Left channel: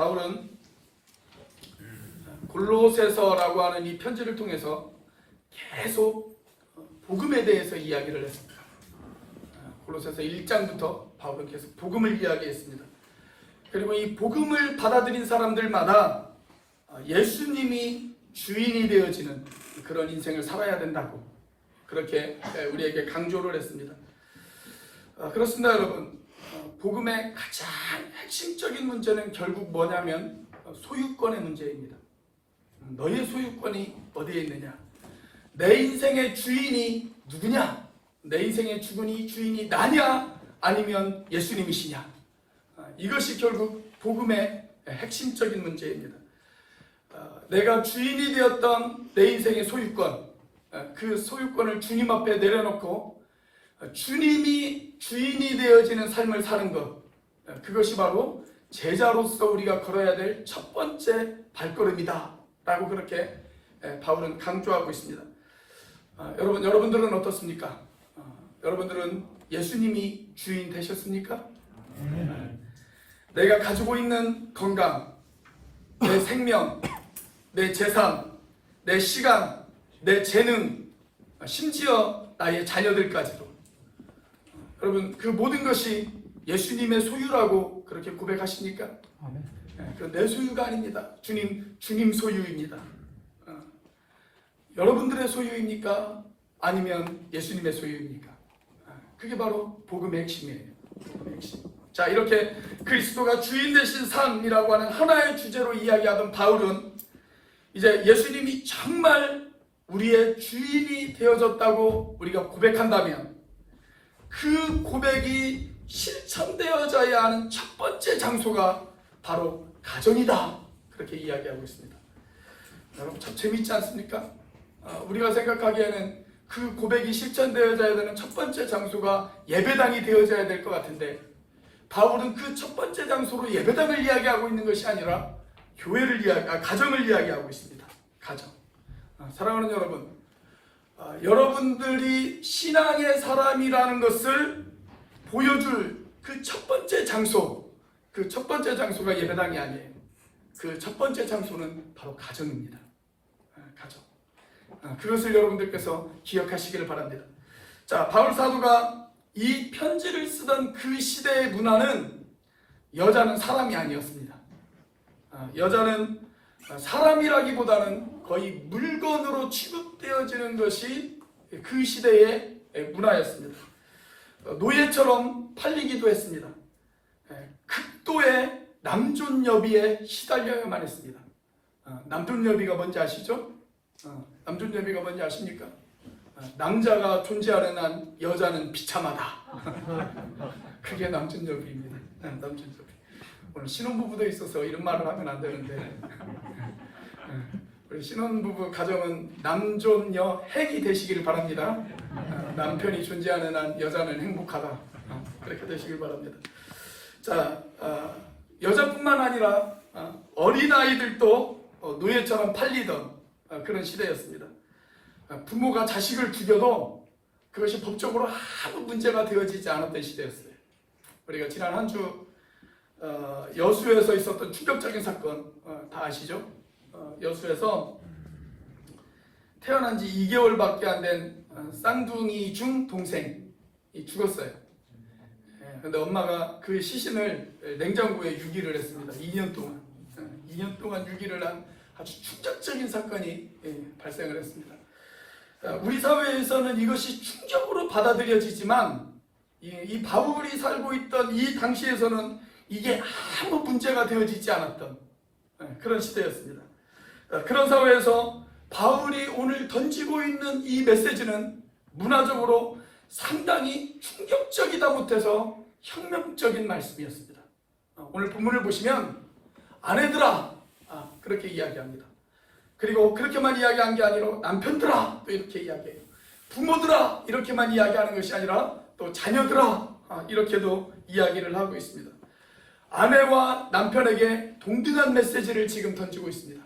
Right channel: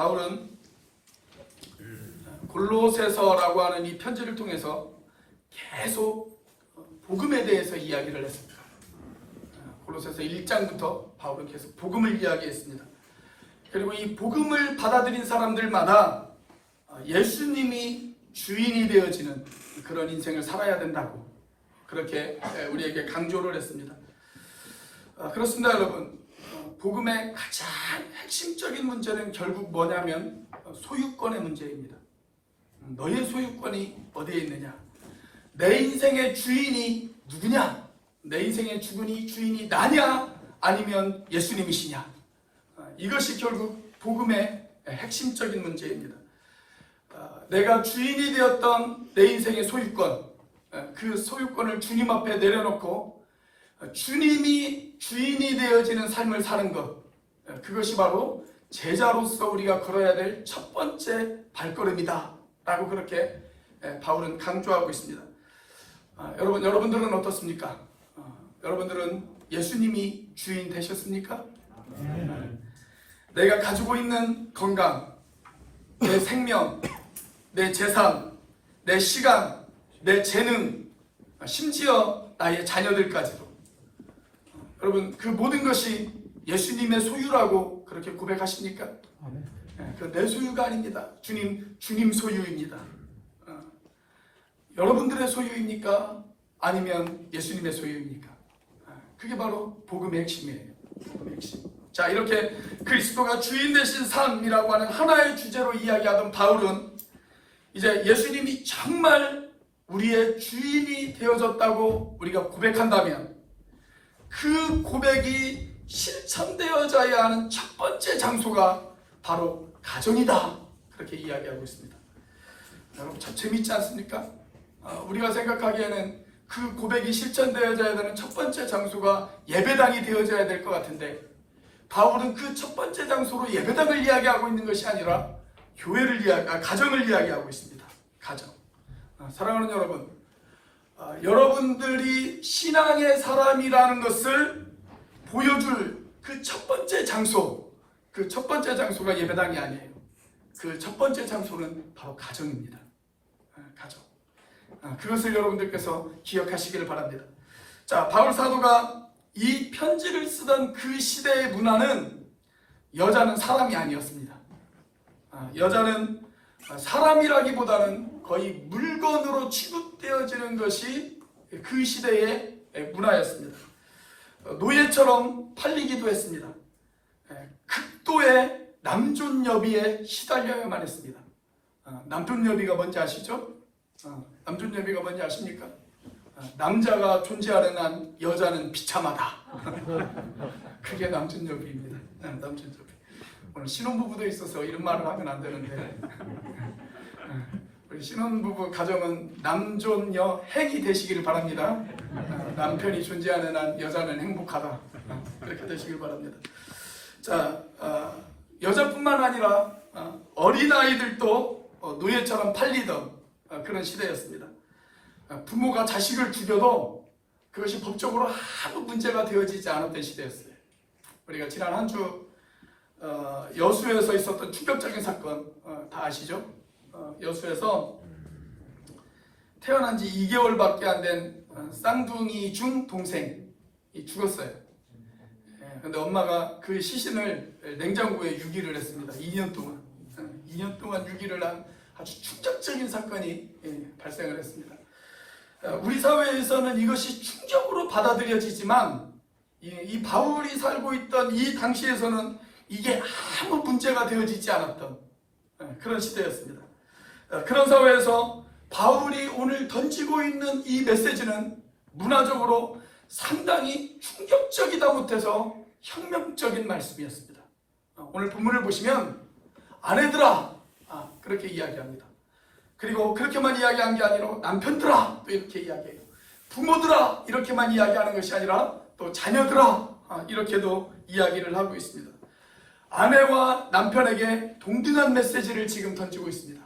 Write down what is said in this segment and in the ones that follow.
바울은 골로새서라고 하는 이 편지를 통해서 계속 복음에 대해서 이야기를 했습니다. 골로새서 1장부터 바울은 계속 복음을 이야기했습니다. 그리고 이 복음을 받아들인 사람들마다 예수님이 주인이 되어지는 그런 인생을 살아야 된다고 그렇게 우리에게 강조를 했습니다. 그렇습니다, 여러분. 복음의 가장 핵심적인 문제는 결국 뭐냐면 소유권의 문제입니다. 너의 소유권이 어디에 있느냐? 내 인생의 주인이 누구냐? 내 인생의 주인이 나냐? 아니면 예수님이시냐? 이것이 결국 복음의 핵심적인 문제입니다. 내가 주인이 되었던 내 인생의 소유권, 그 소유권을 주님 앞에 내려놓고 주님이 주인이 되어지는 삶을 사는 것, 그것이 바로 제자로서 우리가 걸어야 될 첫 번째 발걸음이다 라고 그렇게 바울은 강조하고 있습니다. 여러분들은 어떻습니까? 여러분들은 예수님이 주인 되셨습니까? 내가 가지고 있는 건강, 내 생명, 내 재산, 내 시간, 내 재능, 심지어 나의 자녀들까지도, 여러분, 그 모든 것이 예수님의 소유라고 그렇게 고백하십니까? 그 내 소유가 아닙니다. 주님 소유입니다. 여러분들의 소유입니까? 아니면 예수님의 소유입니까? 그게 바로 복음의 핵심이에요. 복음의 핵심. 자, 이렇게 그리스도가 주인 되신 삶이라고 하는 하나의 주제로 이야기하던 바울은 이제 예수님이 정말 우리의 주인이 되어졌다고 우리가 고백한다면 그 고백이 실천되어져야 하는 첫 번째 장소가 바로 가정이다, 그렇게 이야기하고 있습니다. 여러분, 참 재밌지 않습니까? 우리가 생각하기에는 그 고백이 실천되어져야 되는 첫 번째 장소가 예배당이 되어져야 될 것 같은데, 바울은 그 첫 번째 장소로 예배당을 이야기하고 있는 것이 아니라 가정을 이야기하고 있습니다. 가정. 사랑하는 여러분, 여러분들이 신앙의 사람이라는 것을 보여줄 그 첫 번째 장소, 그 첫 번째 장소가 예배당이 아니에요. 그 첫 번째 장소는 바로 가정입니다. 가정. 그것을 여러분들께서 기억하시기를 바랍니다. 자, 바울 사도가 이 편지를 쓰던 그 시대의 문화는 여자는 사람이 아니었습니다. 여자는 사람이라기보다는 거의 물건으로 취급되어지는 것이 그 시대의 문화였습니다. 노예처럼 팔리기도 했습니다. 극도의 남존여비에 시달려야만 했습니다. 남존여비가 뭔지 아시죠? 남존여비가 뭔지 아십니까? 남자가 존재하는 한 여자는 비참하다. 그게 남존여비입니다. 남존여비. 오늘 신혼부부도 있어서 이런 말을 하면 안 되는데, 우리 신혼부부 가정은 남존여 핵이 되시기를 바랍니다. 남편이 존재하는 한 여자는 행복하다. 그렇게 되시길 바랍니다. 자, 여자뿐만 아니라 어린아이들도 노예처럼 팔리던 그런 시대였습니다. 부모가 자식을 죽여도 그것이 법적으로 아무 문제가 되어지지 않았던 시대였어요. 우리가 지난 한 주 여수에서 있었던 충격적인 사건 다 아시죠? 여수에서 태어난 지 2개월밖에 안 된 쌍둥이 중 동생이 죽었어요. 그런데 엄마가 그 시신을 냉장고에 유기를 했습니다. 2년 동안. 2년 동안 유기를 한 아주 충격적인 사건이 발생을 했습니다. 우리 사회에서는 이것이 충격으로 받아들여지지만 이 바울이 살고 있던 이 당시에서는 이게 아무 문제가 되어지지 않았던 그런 시대였습니다. 그런 사회에서 바울이 오늘 던지고 있는 이 메시지는 문화적으로 상당히 충격적이다 못해서 혁명적인 말씀이었습니다. 오늘 본문을 보시면 아내들아, 그렇게 이야기합니다. 그리고 그렇게만 이야기한 게 아니라 남편들아, 또 이렇게 이야기해요. 부모들아, 이렇게만 이야기하는 것이 아니라 또 자녀들아, 이렇게도 이야기를 하고 있습니다. 아내와 남편에게 동등한 메시지를 지금 던지고 있습니다.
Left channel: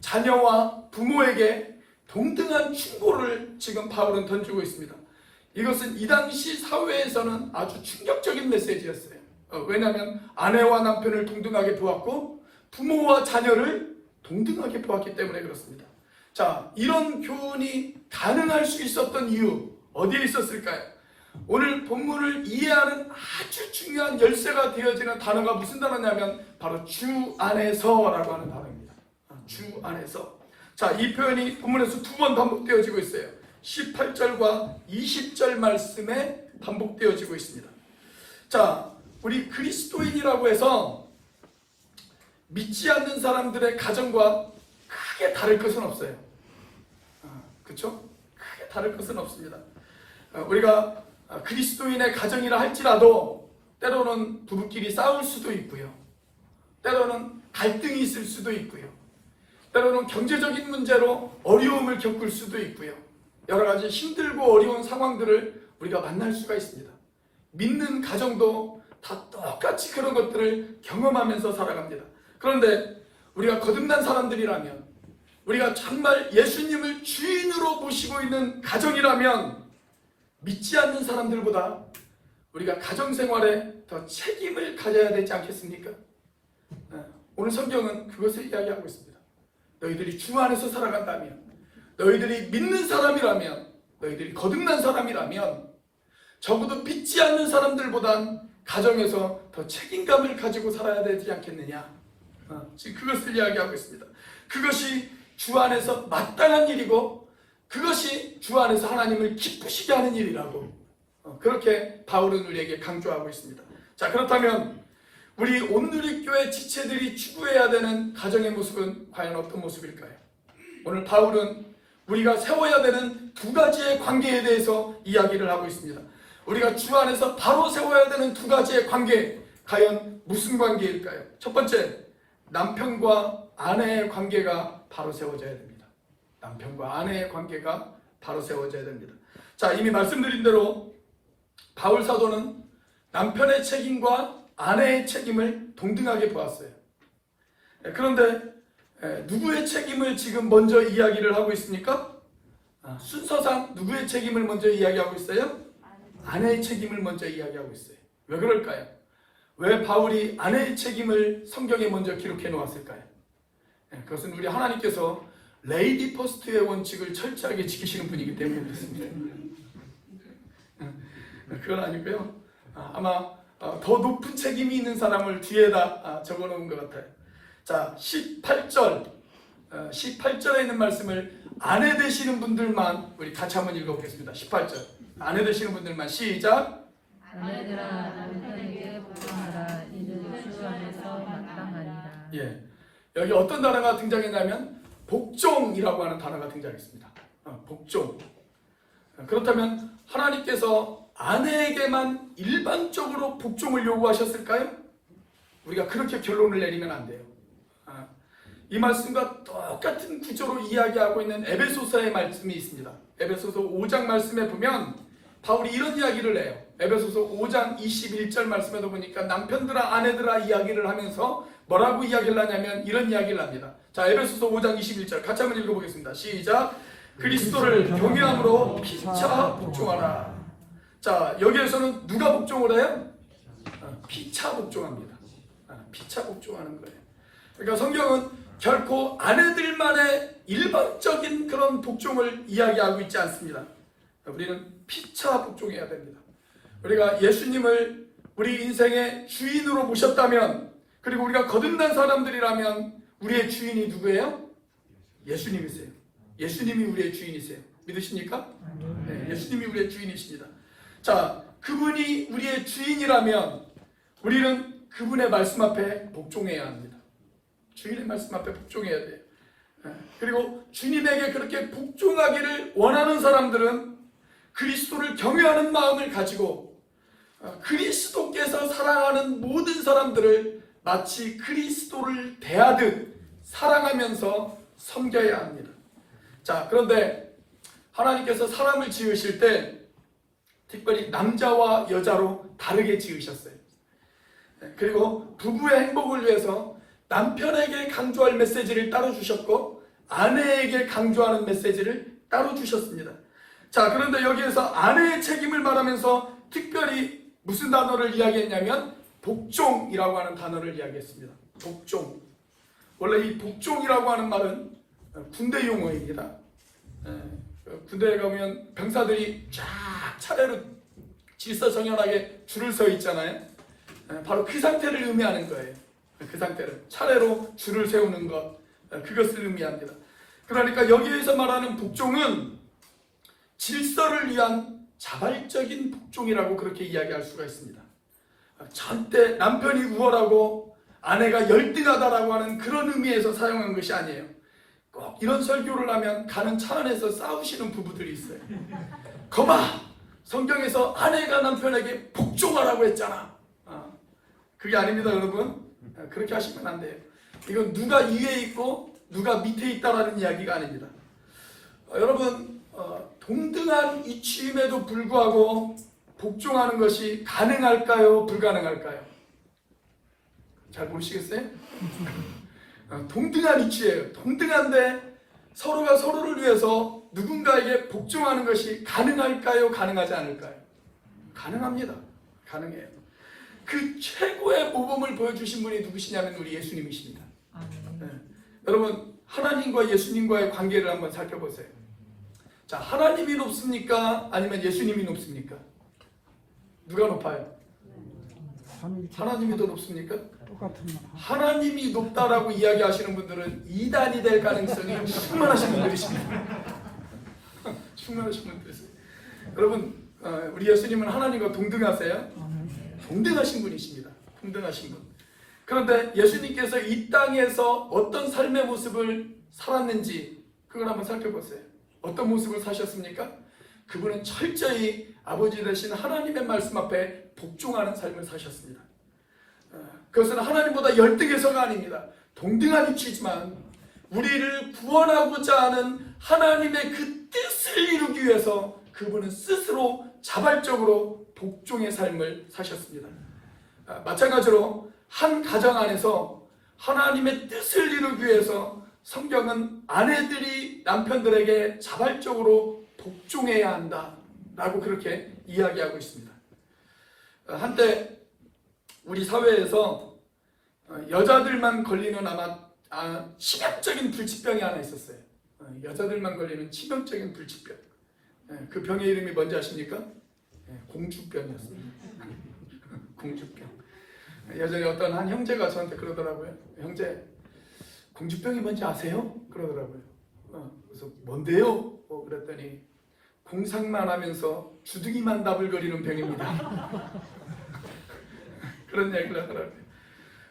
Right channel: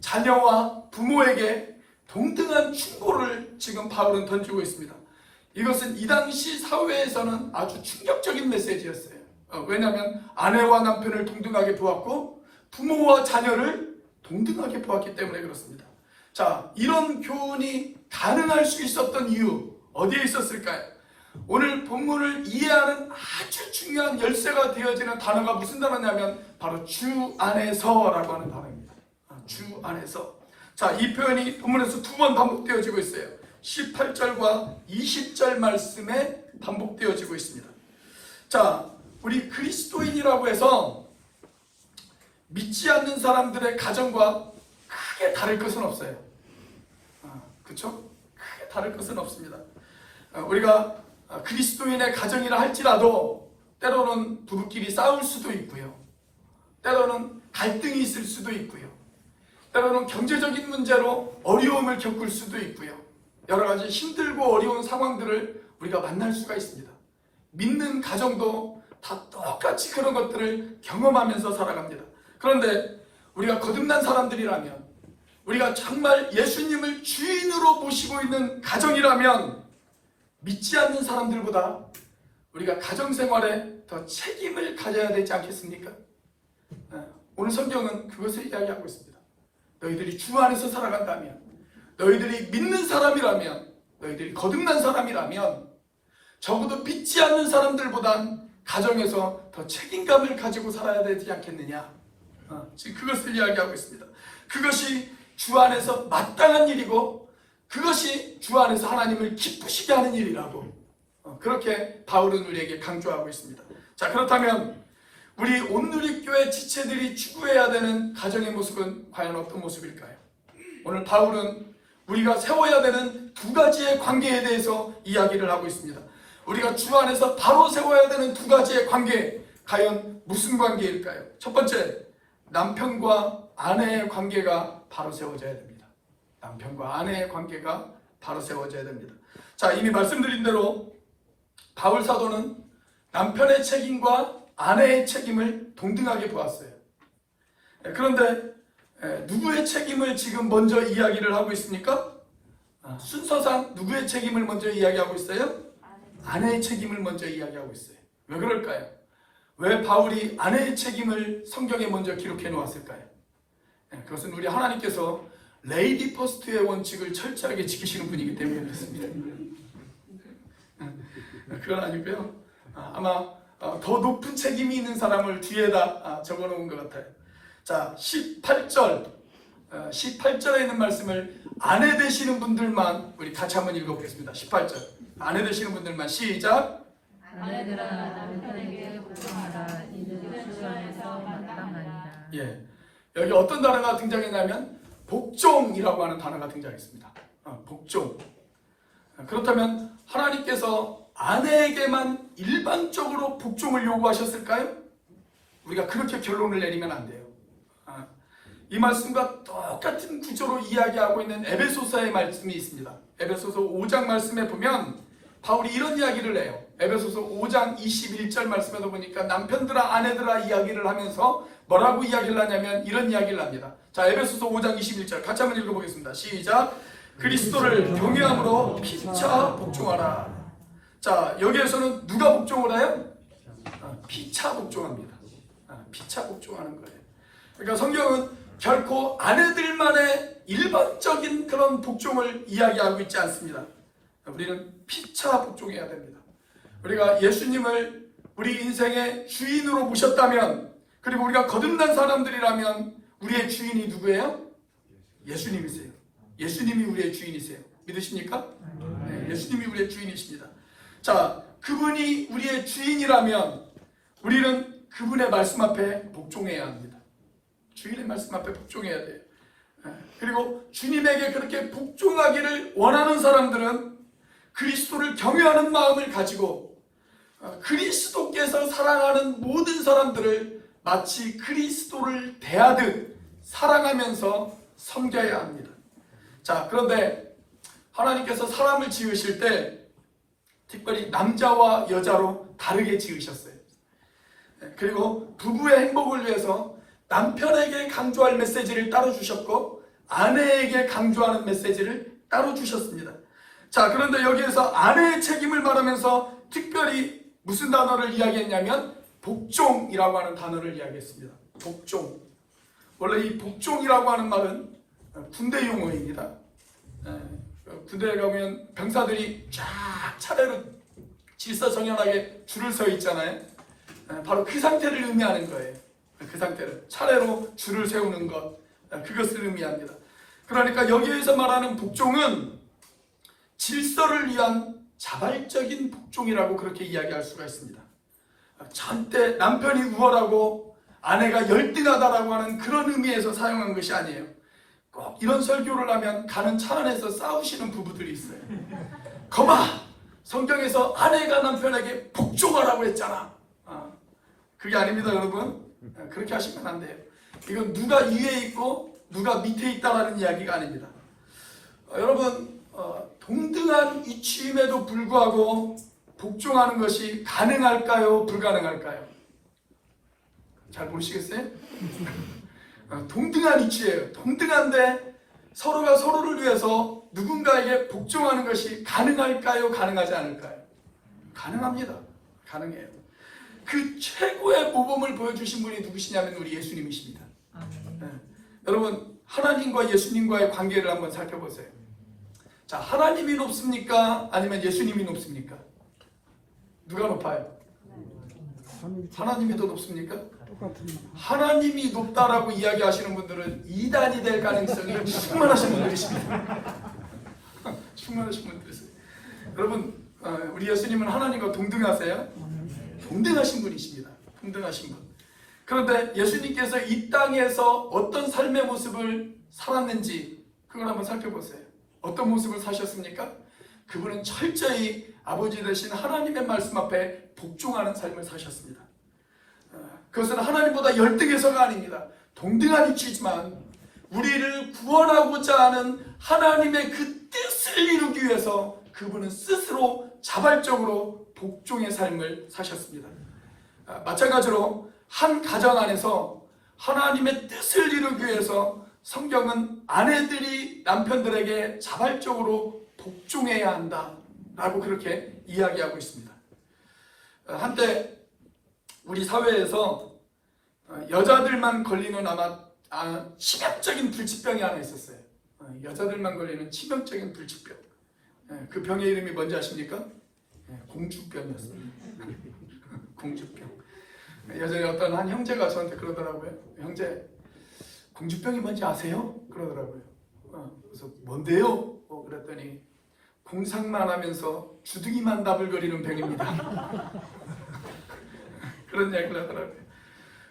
자녀와 부모에게 동등한 충고를 지금 바울은 던지고 있습니다. 이것은 이 당시 사회에서는 아주 충격적인 메시지였어요. 왜냐하면 아내와 남편을 동등하게 보았고 부모와 자녀를 동등하게 보았기 때문에 그렇습니다. 자, 이런 교훈이 가능할 수 있었던 이유 어디에 있었을까요? 오늘 본문을 이해하는 아주 중요한 열쇠가 되어지는 단어가 무슨 단어냐면 바로 주 안에서라고 하는 단어입니다. 주 안에서. 자, 이 표현이 본문에서 두 번 반복되어지고 있어요. 18절과 20절 말씀에 반복되어지고 있습니다. 자, 우리 그리스도인이라고 해서 믿지 않는 사람들의 가정과 크게 다를 것은 없어요. 그렇죠? 크게 다를 것은 없습니다. 우리가 그리스도인의 가정이라 할지라도 때로는 부부끼리 싸울 수도 있고요. 때로는 갈등이 있을 수도 있고요. 때로는 경제적인 문제로 어려움을 겪을 수도 있고요. 여러 가지 힘들고 어려운 상황들을 우리가 만날 수가 있습니다. 믿는 가정도 다 똑같이 그런 것들을 경험하면서 살아갑니다. 그런데 우리가 거듭난 사람들이라면, 우리가 정말 예수님을 주인으로 모시고 있는 가정이라면 믿지 않는 사람들보다 우리가 가정생활에 더 책임을 가져야 되지 않겠습니까? 오늘 성경은 그것을 이야기하고 있습니다. 너희들이 주 안에서 살아간다면, 너희들이 믿는 사람이라면, 너희들이 거듭난 사람이라면 적어도 믿지 않는 사람들보단 가정에서 더 책임감을 가지고 살아야 되지 않겠느냐. 지금 그것을 이야기하고 있습니다. 그것이 주 안에서 마땅한 일이고 그것이 주 안에서 하나님을 기쁘시게 하는 일이라고 그렇게 바울은 우리에게 강조하고 있습니다. 자, 그렇다면 우리 온누리교회 지체들이 추구해야 되는 가정의 모습은 과연 어떤 모습일까요? 오늘 바울은 우리가 세워야 되는 두 가지의 관계에 대해서 이야기를 하고 있습니다. 우리가 주 안에서 바로 세워야 되는 두 가지의 관계, 과연 무슨 관계일까요? 첫 번째, 남편과 아내의 관계가 바로 세워져야 됩니다. 남편과 아내의 관계가 바로 세워져야 됩니다. 자, 이미 말씀드린 대로 바울 사도는 남편의 책임과 아내의 책임을 동등하게 보았어요. 그런데 누구의 책임을 지금 먼저 이야기를 하고 있습니까? 순서상 누구의 책임을 먼저 이야기하고 있어요? 아내의 책임을 먼저 이야기하고 있어요. 왜 그럴까요? 왜 바울이 아내의 책임을 성경에 먼저 기록해 놓았을까요? 그것은 우리 하나님께서 레이디 퍼스트의 원칙을 철저하게 지키시는 분이기 때문에 그렇습니다. 그건 아니고요. 아마 더 높은 책임이 있는 사람을 뒤에다 적어놓은 것 같아요. 자, 18절에 있는 말씀을 아내 되시는 분들만 우리 같이 한번 읽어보겠습니다. 18절 아내 되시는 분들만 시작. 아내들아 남편에게 복종하라. 이들이 주 안에서 마땅하니라. 예, 여기 어떤 단어가 등장했냐면 복종이라고 하는 단어가 등장했습니다. 복종. 그렇다면 하나님께서 아내에게만 일반적으로 복종을 요구하셨을까요? 우리가 그렇게 결론을 내리면 안 돼요. 이 말씀과 똑같은 구조로 이야기하고 있는 에베소서의 말씀이 있습니다. 에베소서 5장 말씀에 보면 바울이 이런 이야기를 해요. 에베소서 5장 21절 말씀에도 보니까 남편들아 아내들아 이야기를 하면서 뭐라고 이야기를 하냐면 이런 이야기를 합니다. 자, 에베소서 5장 21절 같이 한번 읽어보겠습니다. 시작. 그리스도를 경외함으로 피차 복종하라. 자, 여기에서는 누가 복종을 해요? 피차 복종합니다. 피차 복종하는 거예요. 그러니까 성경은 결코 아내들만의 일반적인 그런 복종을 이야기하고 있지 않습니다. 우리는 피차 복종해야 됩니다. 우리가 예수님을 우리 인생의 주인으로 모셨다면, 그리고 우리가 거듭난 사람들이라면 우리의 주인이 누구예요? 예수님이세요. 예수님이 우리의 주인이세요. 믿으십니까? 네, 예수님이 우리의 주인이십니다. 자, 그분이 우리의 주인이라면 우리는 그분의 말씀 앞에 복종해야 합니다. 주인의 말씀 앞에 복종해야 돼요. 그리고 주님에게 그렇게 복종하기를 원하는 사람들은 그리스도를 경외하는 마음을 가지고 그리스도께서 사랑하는 모든 사람들을 마치 그리스도를 대하듯 사랑하면서 섬겨야 합니다. 자, 그런데 하나님께서 사람을 지으실 때 특별히 남자와 여자로 다르게 지으셨어요. 그리고 부부의 행복을 위해서 남편에게 강조할 메시지를 따로 주셨고 아내에게 강조하는 메시지를 따로 주셨습니다. 자, 그런데 여기에서 아내의 책임을 말하면서 특별히 무슨 단어를 이야기했냐면 복종이라고 하는 단어를 이야기했습니다. 복종. 원래 이 복종이라고 하는 말은 군대 용어입니다. 군대에 가면 병사들이 쫙 차례로 질서정연하게 줄을 서 있잖아요. 바로 그 상태를 의미하는 거예요. 그 상태를 차례로 줄을 세우는 것, 그것을 의미합니다. 그러니까 여기에서 말하는 복종은 질서를 위한 자발적인 복종이라고 그렇게 이야기할 수가 있습니다. 절대 남편이 우월하고 아내가 열등하다라고 하는 그런 의미에서 사용한 것이 아니에요. 꼭 이런 설교를 하면 가는 차 안에서 싸우시는 부부들이 있어요. 거봐! 성경에서 아내가 남편에게 복종하라고 했잖아. 그게 아닙니다, 여러분. 그렇게 하시면 안 돼요. 이건 누가 위에 있고 누가 밑에 있다라는 이야기가 아닙니다. 여러분, 동등한 이치임에도 불구하고 복종하는 것이 가능할까요? 불가능할까요? 잘 모르시겠어요? 동등한 이치예요. 동등한데 서로가 서로를 위해서 누군가에게 복종하는 것이 가능할까요? 가능하지 않을까요? 가능합니다. 가능해요. 그 최고의 모범을 보여주신 분이 누구시냐면 우리 예수님이십니다. 여러분, 하나님과 예수님과의 관계를 한번 살펴보세요. 자, 하나님이 높습니까? 아니면 예수님이 높습니까? 누가 높아요? 하나님이 더 높습니까? 하나님이 높다라고 이야기하시는 분들은 이단이 될 가능성이 충만하신 분들이십니다. 충만하신 분들이세요. 여러분, 우리 예수님은 하나님과 동등하세요? 동등하신 분이십니다. 동등하신 분. 그런데 예수님께서 이 땅에서 어떤 삶의 모습을 살았는지 그걸 한번 살펴보세요. 어떤 모습을 사셨습니까? 그분은 철저히 아버지 되신 하나님의 말씀 앞에 복종하는 삶을 사셨습니다. 그것은 하나님보다 열등해서가 아닙니다. 동등한 위치지만 우리를 구원하고자 하는 하나님의 그 뜻을 이루기 위해서 그분은 스스로 자발적으로 복종의 삶을 사셨습니다. 마찬가지로 한 가정 안에서 하나님의 뜻을 이루기 위해서 성경은 아내들이 남편들에게 자발적으로 복종해야 한다라고 그렇게 이야기하고 있습니다. 한때 우리 사회에서 여자들만 걸리는 아마 치명적인 불치병이 하나 있었어요. 여자들만 걸리는 치명적인 불치병. 그 병의 이름이 뭔지 아십니까? 공주병이었습니다. 공주병. 예전에 어떤 한 형제가 저한테 그러더라고요. 형제, 공주병이 뭔지 아세요? 그러더라고요. 그래서 뭔데요? 그랬더니 공상만 하면서 주둥이만 나불거리는 병입니다. 그런 얘기를 하더라고요.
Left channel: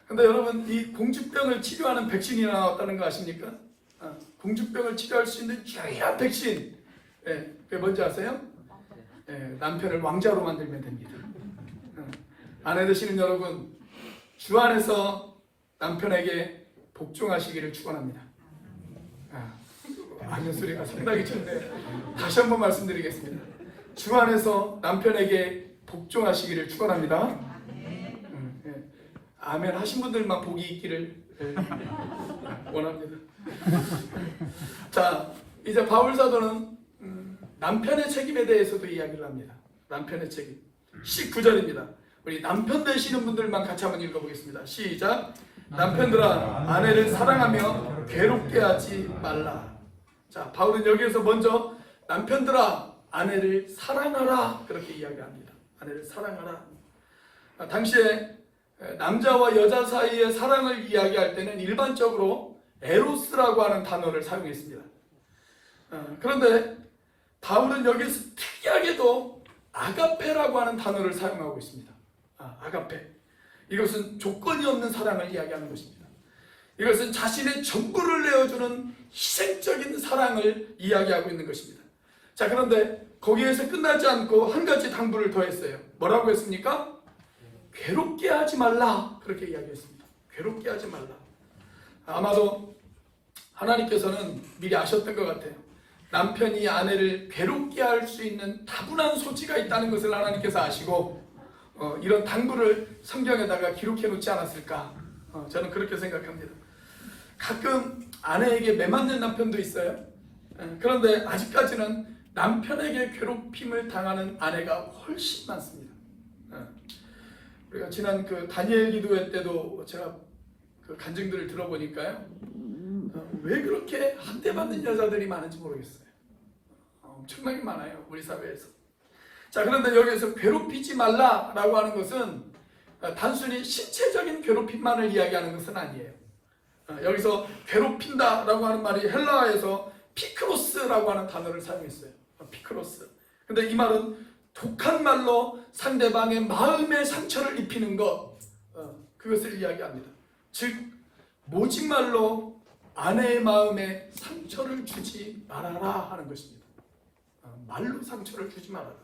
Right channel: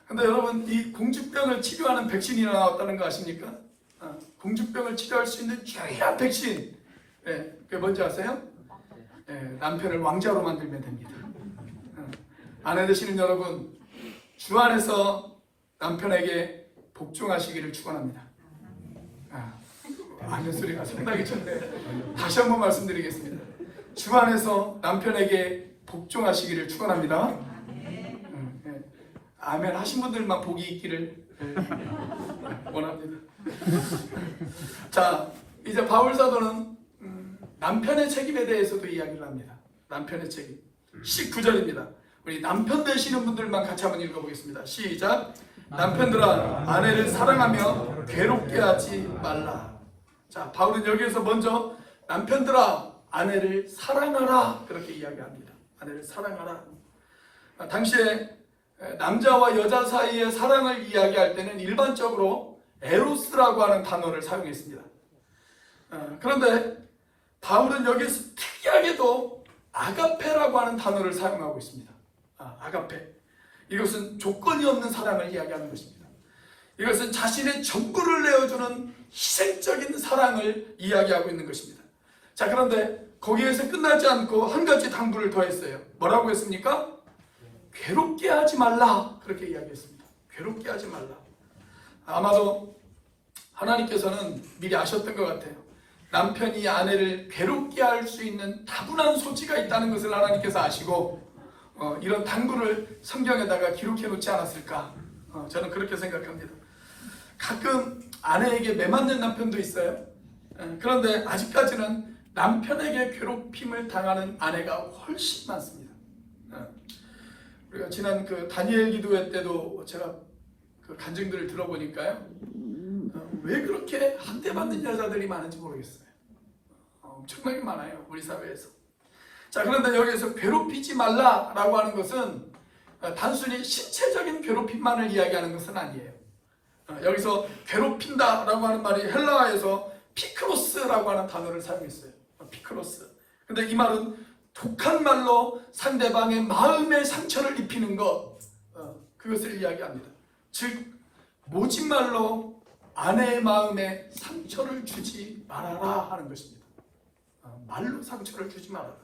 근데 여러분, 이 공주병을 치료하는 백신이 나왔다는 거 아십니까? 공주병을 치료할 수 있는 유일한 백신. 그게 뭔지 아세요? 남편을 왕자로 만들면 됩니다. 아내 되시는 여러분, 주 안에서 남편에게 복종하시기를 축원합니다. 아는 소리가 상당히 좋네요. 다시 한번 말씀드리겠습니다. 주 안에서 남편에게 복종하시기를 축원합니다. 아멘 하신 분들만 복이 있기를 원합니다. 자, 이제 바울 사도는 남편의 책임에 대해서도 이야기를 합니다. 남편의 책임. 19절입니다. 우리 남편 되시는 분들만 같이 한번 읽어보겠습니다. 시작. 남편들아, 아내를 사랑하며 괴롭게 하지 말라. 자, 바울은 여기에서 먼저 남편들아, 아내를 사랑하라 그렇게 이야기합니다. 아내를 사랑하라. 당시에 남자와 여자 사이의 사랑을 이야기할 때는 일반적으로 에로스라고 하는 단어를 사용했습니다. 그런데 바울은 여기서 특이하게도 아가페라고 하는 단어를 사용하고 있습니다. 아가페. 이것은 조건이 없는 사랑을 이야기하는 것입니다. 이것은 자신의 전부를 내어주는 희생적인 사랑을 이야기하고 있는 것입니다. 자, 그런데 거기에서 끝나지 않고 한 가지 당부를 더했어요. 뭐라고 했습니까? 괴롭게 하지 말라 그렇게 이야기했습니다. 괴롭게 하지 말라. 아마도 하나님께서는 미리 아셨던 것 같아요. 남편이 아내를 괴롭게 할 수 있는 다분한 소지가 있다는 것을 하나님께서 아시고 이런 당부를 성경에다가 기록해 놓지 않았을까? 저는 그렇게 생각합니다. 가끔 아내에게 매맞는 남편도 있어요. 그런데 아직까지는 남편에게 괴롭힘을 당하는 아내가 훨씬 많습니다. 우리가 지난 그 다니엘 기도회 때도 제가 그 간증들을 들어보니까요, 왜 그렇게 학대받는 여자들이 많은지 모르겠어요. 엄청나게 많아요, 우리 사회에서. 자, 그런데 여기에서 괴롭히지 말라라고 하는 것은 단순히 신체적인 괴롭힘만을 이야기하는 것은 아니에요. 여기서 괴롭힌다라고 하는 말이 헬라어에서 피크로스라고 하는 단어를 사용했어요. 피크로스. 근데 이 말은 독한 말로 상대방의 마음의 상처를 입히는 것, 그것을 이야기합니다. 즉 모진 말로 아내의 마음에 상처를 주지 말아라 하는 것입니다. 말로 상처를 주지 말아라.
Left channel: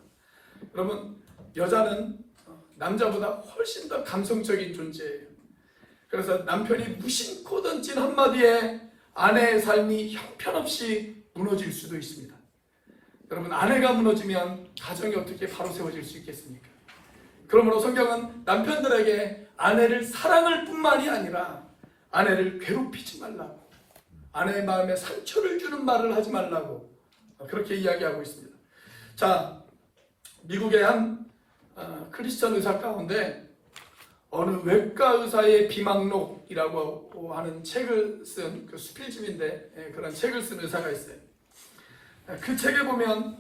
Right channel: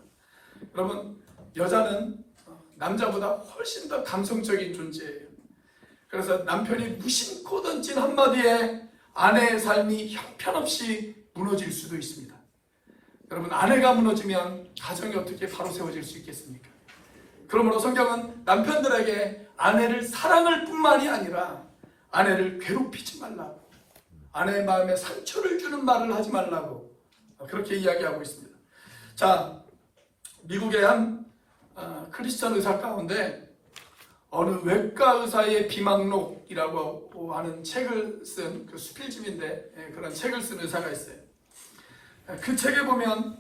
여러분, 여자는 남자보다 훨씬 더 감성적인 존재예요. 그래서 남편이 무심코 던진 한마디에 아내의 삶이 형편없이 무너질 수도 있습니다. 여러분, 아내가 무너지면 가정이 어떻게 바로 세워질 수 있겠습니까? 그러므로 성경은 남편들에게 아내를 사랑할 뿐만이 아니라 아내를 괴롭히지 말라고, 아내의 마음에 상처를 주는 말을 하지 말라고 그렇게 이야기하고 있습니다. 자, 미국의 한 크리스천 의사 가운데 어느 외과 의사의 비망록이라고 하는 책을 쓴 그 수필집인데, 그런 책을 쓴 의사가 있어요. 그 책에 보면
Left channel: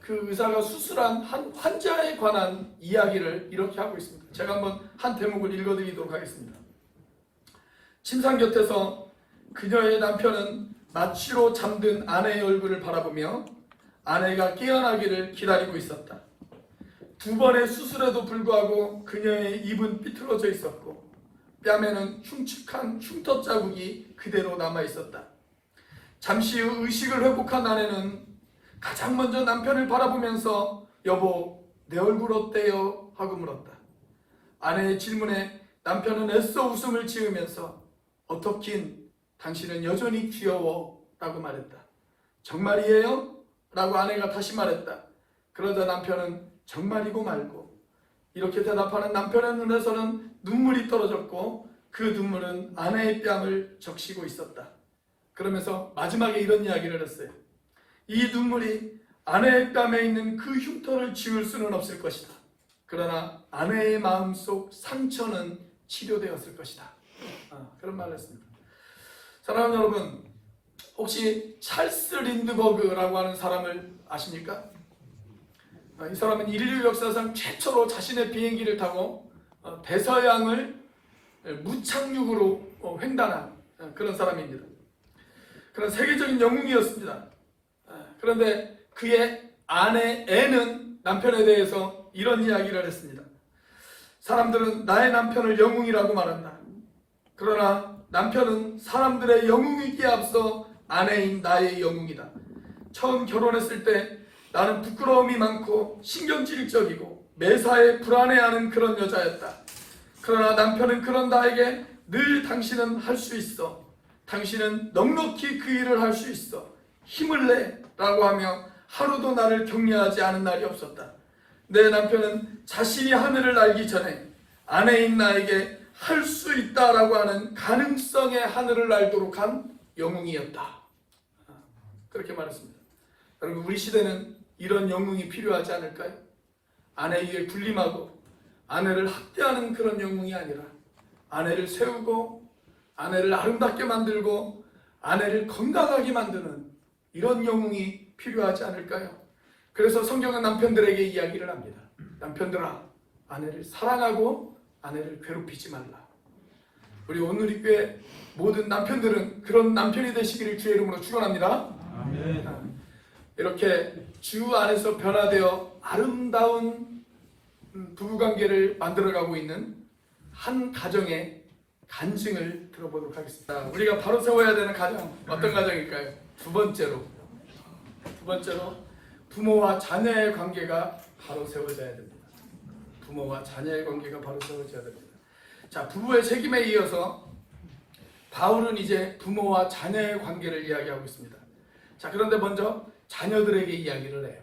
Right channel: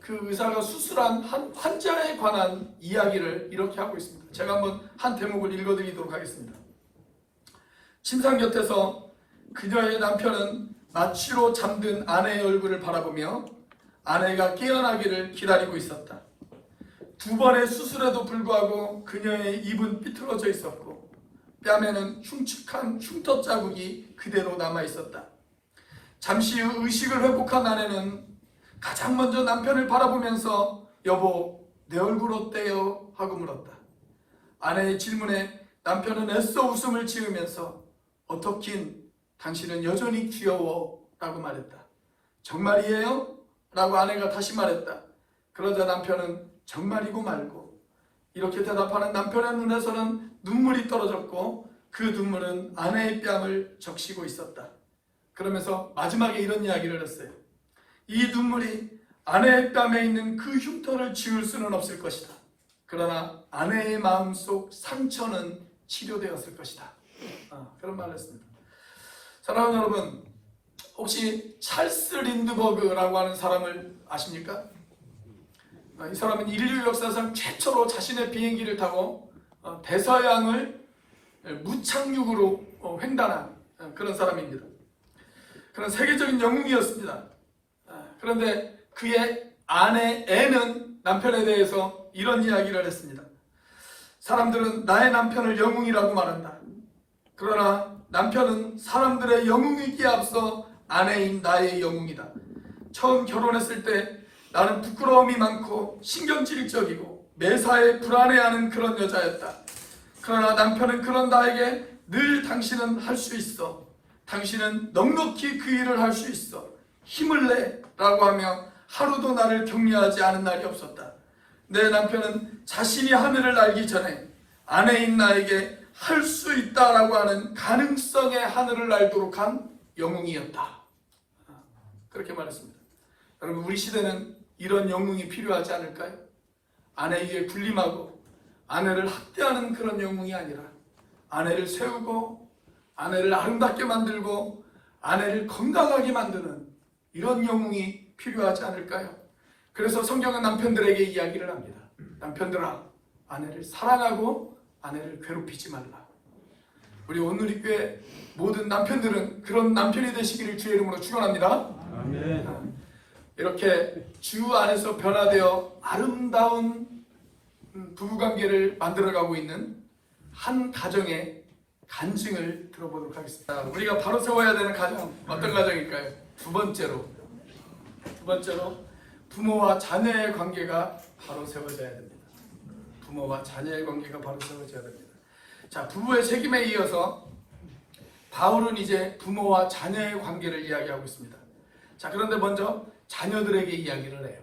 그 의사가 수술한 한 환자에 관한 이야기를 이렇게 하고 있습니다. 제가 한번 한 대목을 읽어드리도록 하겠습니다. 침상 곁에서 그녀의 남편은 마취로 잠든 아내의 얼굴을 바라보며 아내가 깨어나기를 기다리고 있었다. 2번의 수술에도 불구하고 그녀의 입은 삐뚤어져 있었고 뺨에는 흉측한 흉터 자국이 그대로 남아 있었다. 잠시 후 의식을 회복한 아내는 가장 먼저 남편을 바라보면서 여보, 내 얼굴 어때요? 하고 물었다. 아내의 질문에 남편은 애써 웃음을 지으면서 어떻긴 당신은 여전히 귀여워 라고 말했다. 정말이에요? 라고 아내가 다시 말했다. 그러자 남편은 정말이고 말고 이렇게 대답하는 남편의 눈에서는 눈물이 떨어졌고 그 눈물은 아내의 뺨을 적시고 있었다. 그러면서 마지막에 이런 이야기를 했어요. 이 눈물이 아내의 뺨에 있는 그 흉터를 지울 수는 없을 것이다. 그러나 아내의 마음속 상처는 치료되었을 것이다. 그런 말을 했습니다. 사랑하는 여러분, 혹시 찰스 린드버그라고 하는 사람을 아십니까? 이 사람은 인류 역사상 최초로 자신의 비행기를 타고 대서양을 무착륙으로 횡단한 그런 사람입니다. 그런 세계적인 영웅이었습니다. 그런데 그의 아내 앤은 남편에 대해서 이런 이야기를 했습니다. 사람들은 나의 남편을 영웅이라고 말한다. 그러나 남편은 사람들의 영웅이기에 앞서 아내인 나의 영웅이다. 처음 결혼했을 때 나는 부끄러움이 많고 신경질적이고 매사에 불안해하는 그런 여자였다. 그러나 남편은 그런 나에게 늘 당신은 할 수 있어. 당신은 넉넉히 그 일을 할 수 있어. 힘을 내 라고 하며 하루도 나를 격려하지 않은 날이 없었다. 내 남편은 자신이 하늘을 날기 전에 아내인 나에게 할 수 있다라고 하는 가능성의 하늘을 날도록 한 영웅이었다. 그렇게 말했습니다. 여러분, 우리 시대는 이런 영웅이 필요하지 않을까요? 아내에게 군림하고 아내를 학대하는 그런 영웅이 아니라 아내를 세우고 아내를 아름답게 만들고 아내를 건강하게 만드는 이런 영웅이 필요하지 않을까요? 그래서 성경은 남편들에게 이야기를 합니다. 남편들아, 아내를 사랑하고 아내를 괴롭히지 말라. 우리 온누리교회 모든 남편들은 그런 남편이 되시기를 주의 이름으로 축원합니다. 아멘. 이렇게 주 안에서 변화되어 아름다운 부부관계를 만들어가고 있는 한 가정의 간증을 들어보도록 하겠습니다. 우리가 바로 세워야 되는 가정, 어떤 가정일까요? 두 번째로 부모와 자녀의 관계가 바로 세워져야 됩니다. 부모와 자녀의 관계가 바로 세워져야 됩니다. 자, 부부의 책임에 이어서 바울은 이제 부모와 자녀의 관계를 이야기하고 있습니다. 자, 그런데 먼저 자녀들에게 이야기를 해요.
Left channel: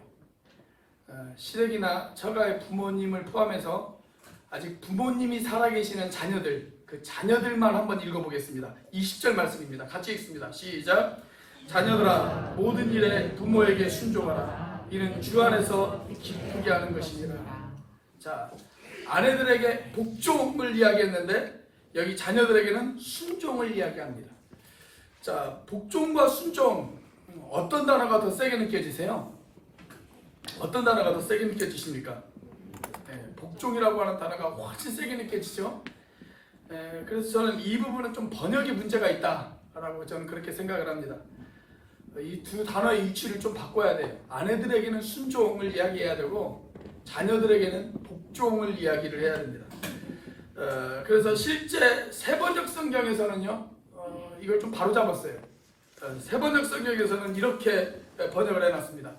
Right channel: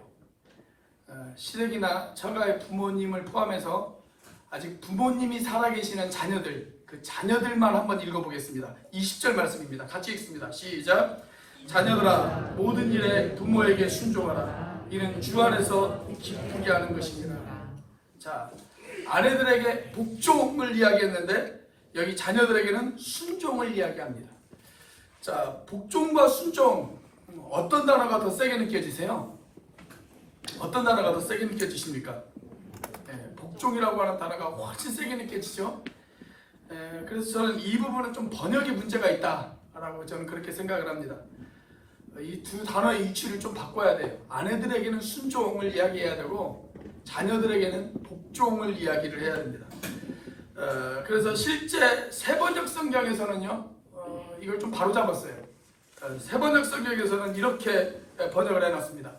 시댁이나 처가의 부모님을 포함해서 아직 부모님이 살아계시는 자녀들, 그 자녀들만 한번 읽어보겠습니다. 20절 말씀입니다. 같이 읽습니다. 시작. 자녀들아, 모든 일에 부모에게 순종하라. 이는 주 안에서 기쁘게 하는 것이니라. 자, 아내들에게 복종을 이야기했는데 여기 자녀들에게는 순종을 이야기합니다. 자, 복종과 순종, 어떤 단어가 더 세게 느껴지세요? 어떤 단어가 더 세게 느껴지십니까? 복종이라고 하는 단어가 훨씬 세게 느껴지죠. 그래서 저는 이 부분은 좀 번역의 문제가 있다라고 저는 그렇게 생각을 합니다. 이 두 단어의 위치를 좀 바꿔야 돼요. 아내들에게는 순종을 이야기해야 되고 자녀들에게는 복종을 이야기를 해야 됩니다. 그래서 실제 세번역 성경에서는요, 이걸 좀 바로잡았어요. 세번역 성경에서는 이렇게 번역을 해놨습니다.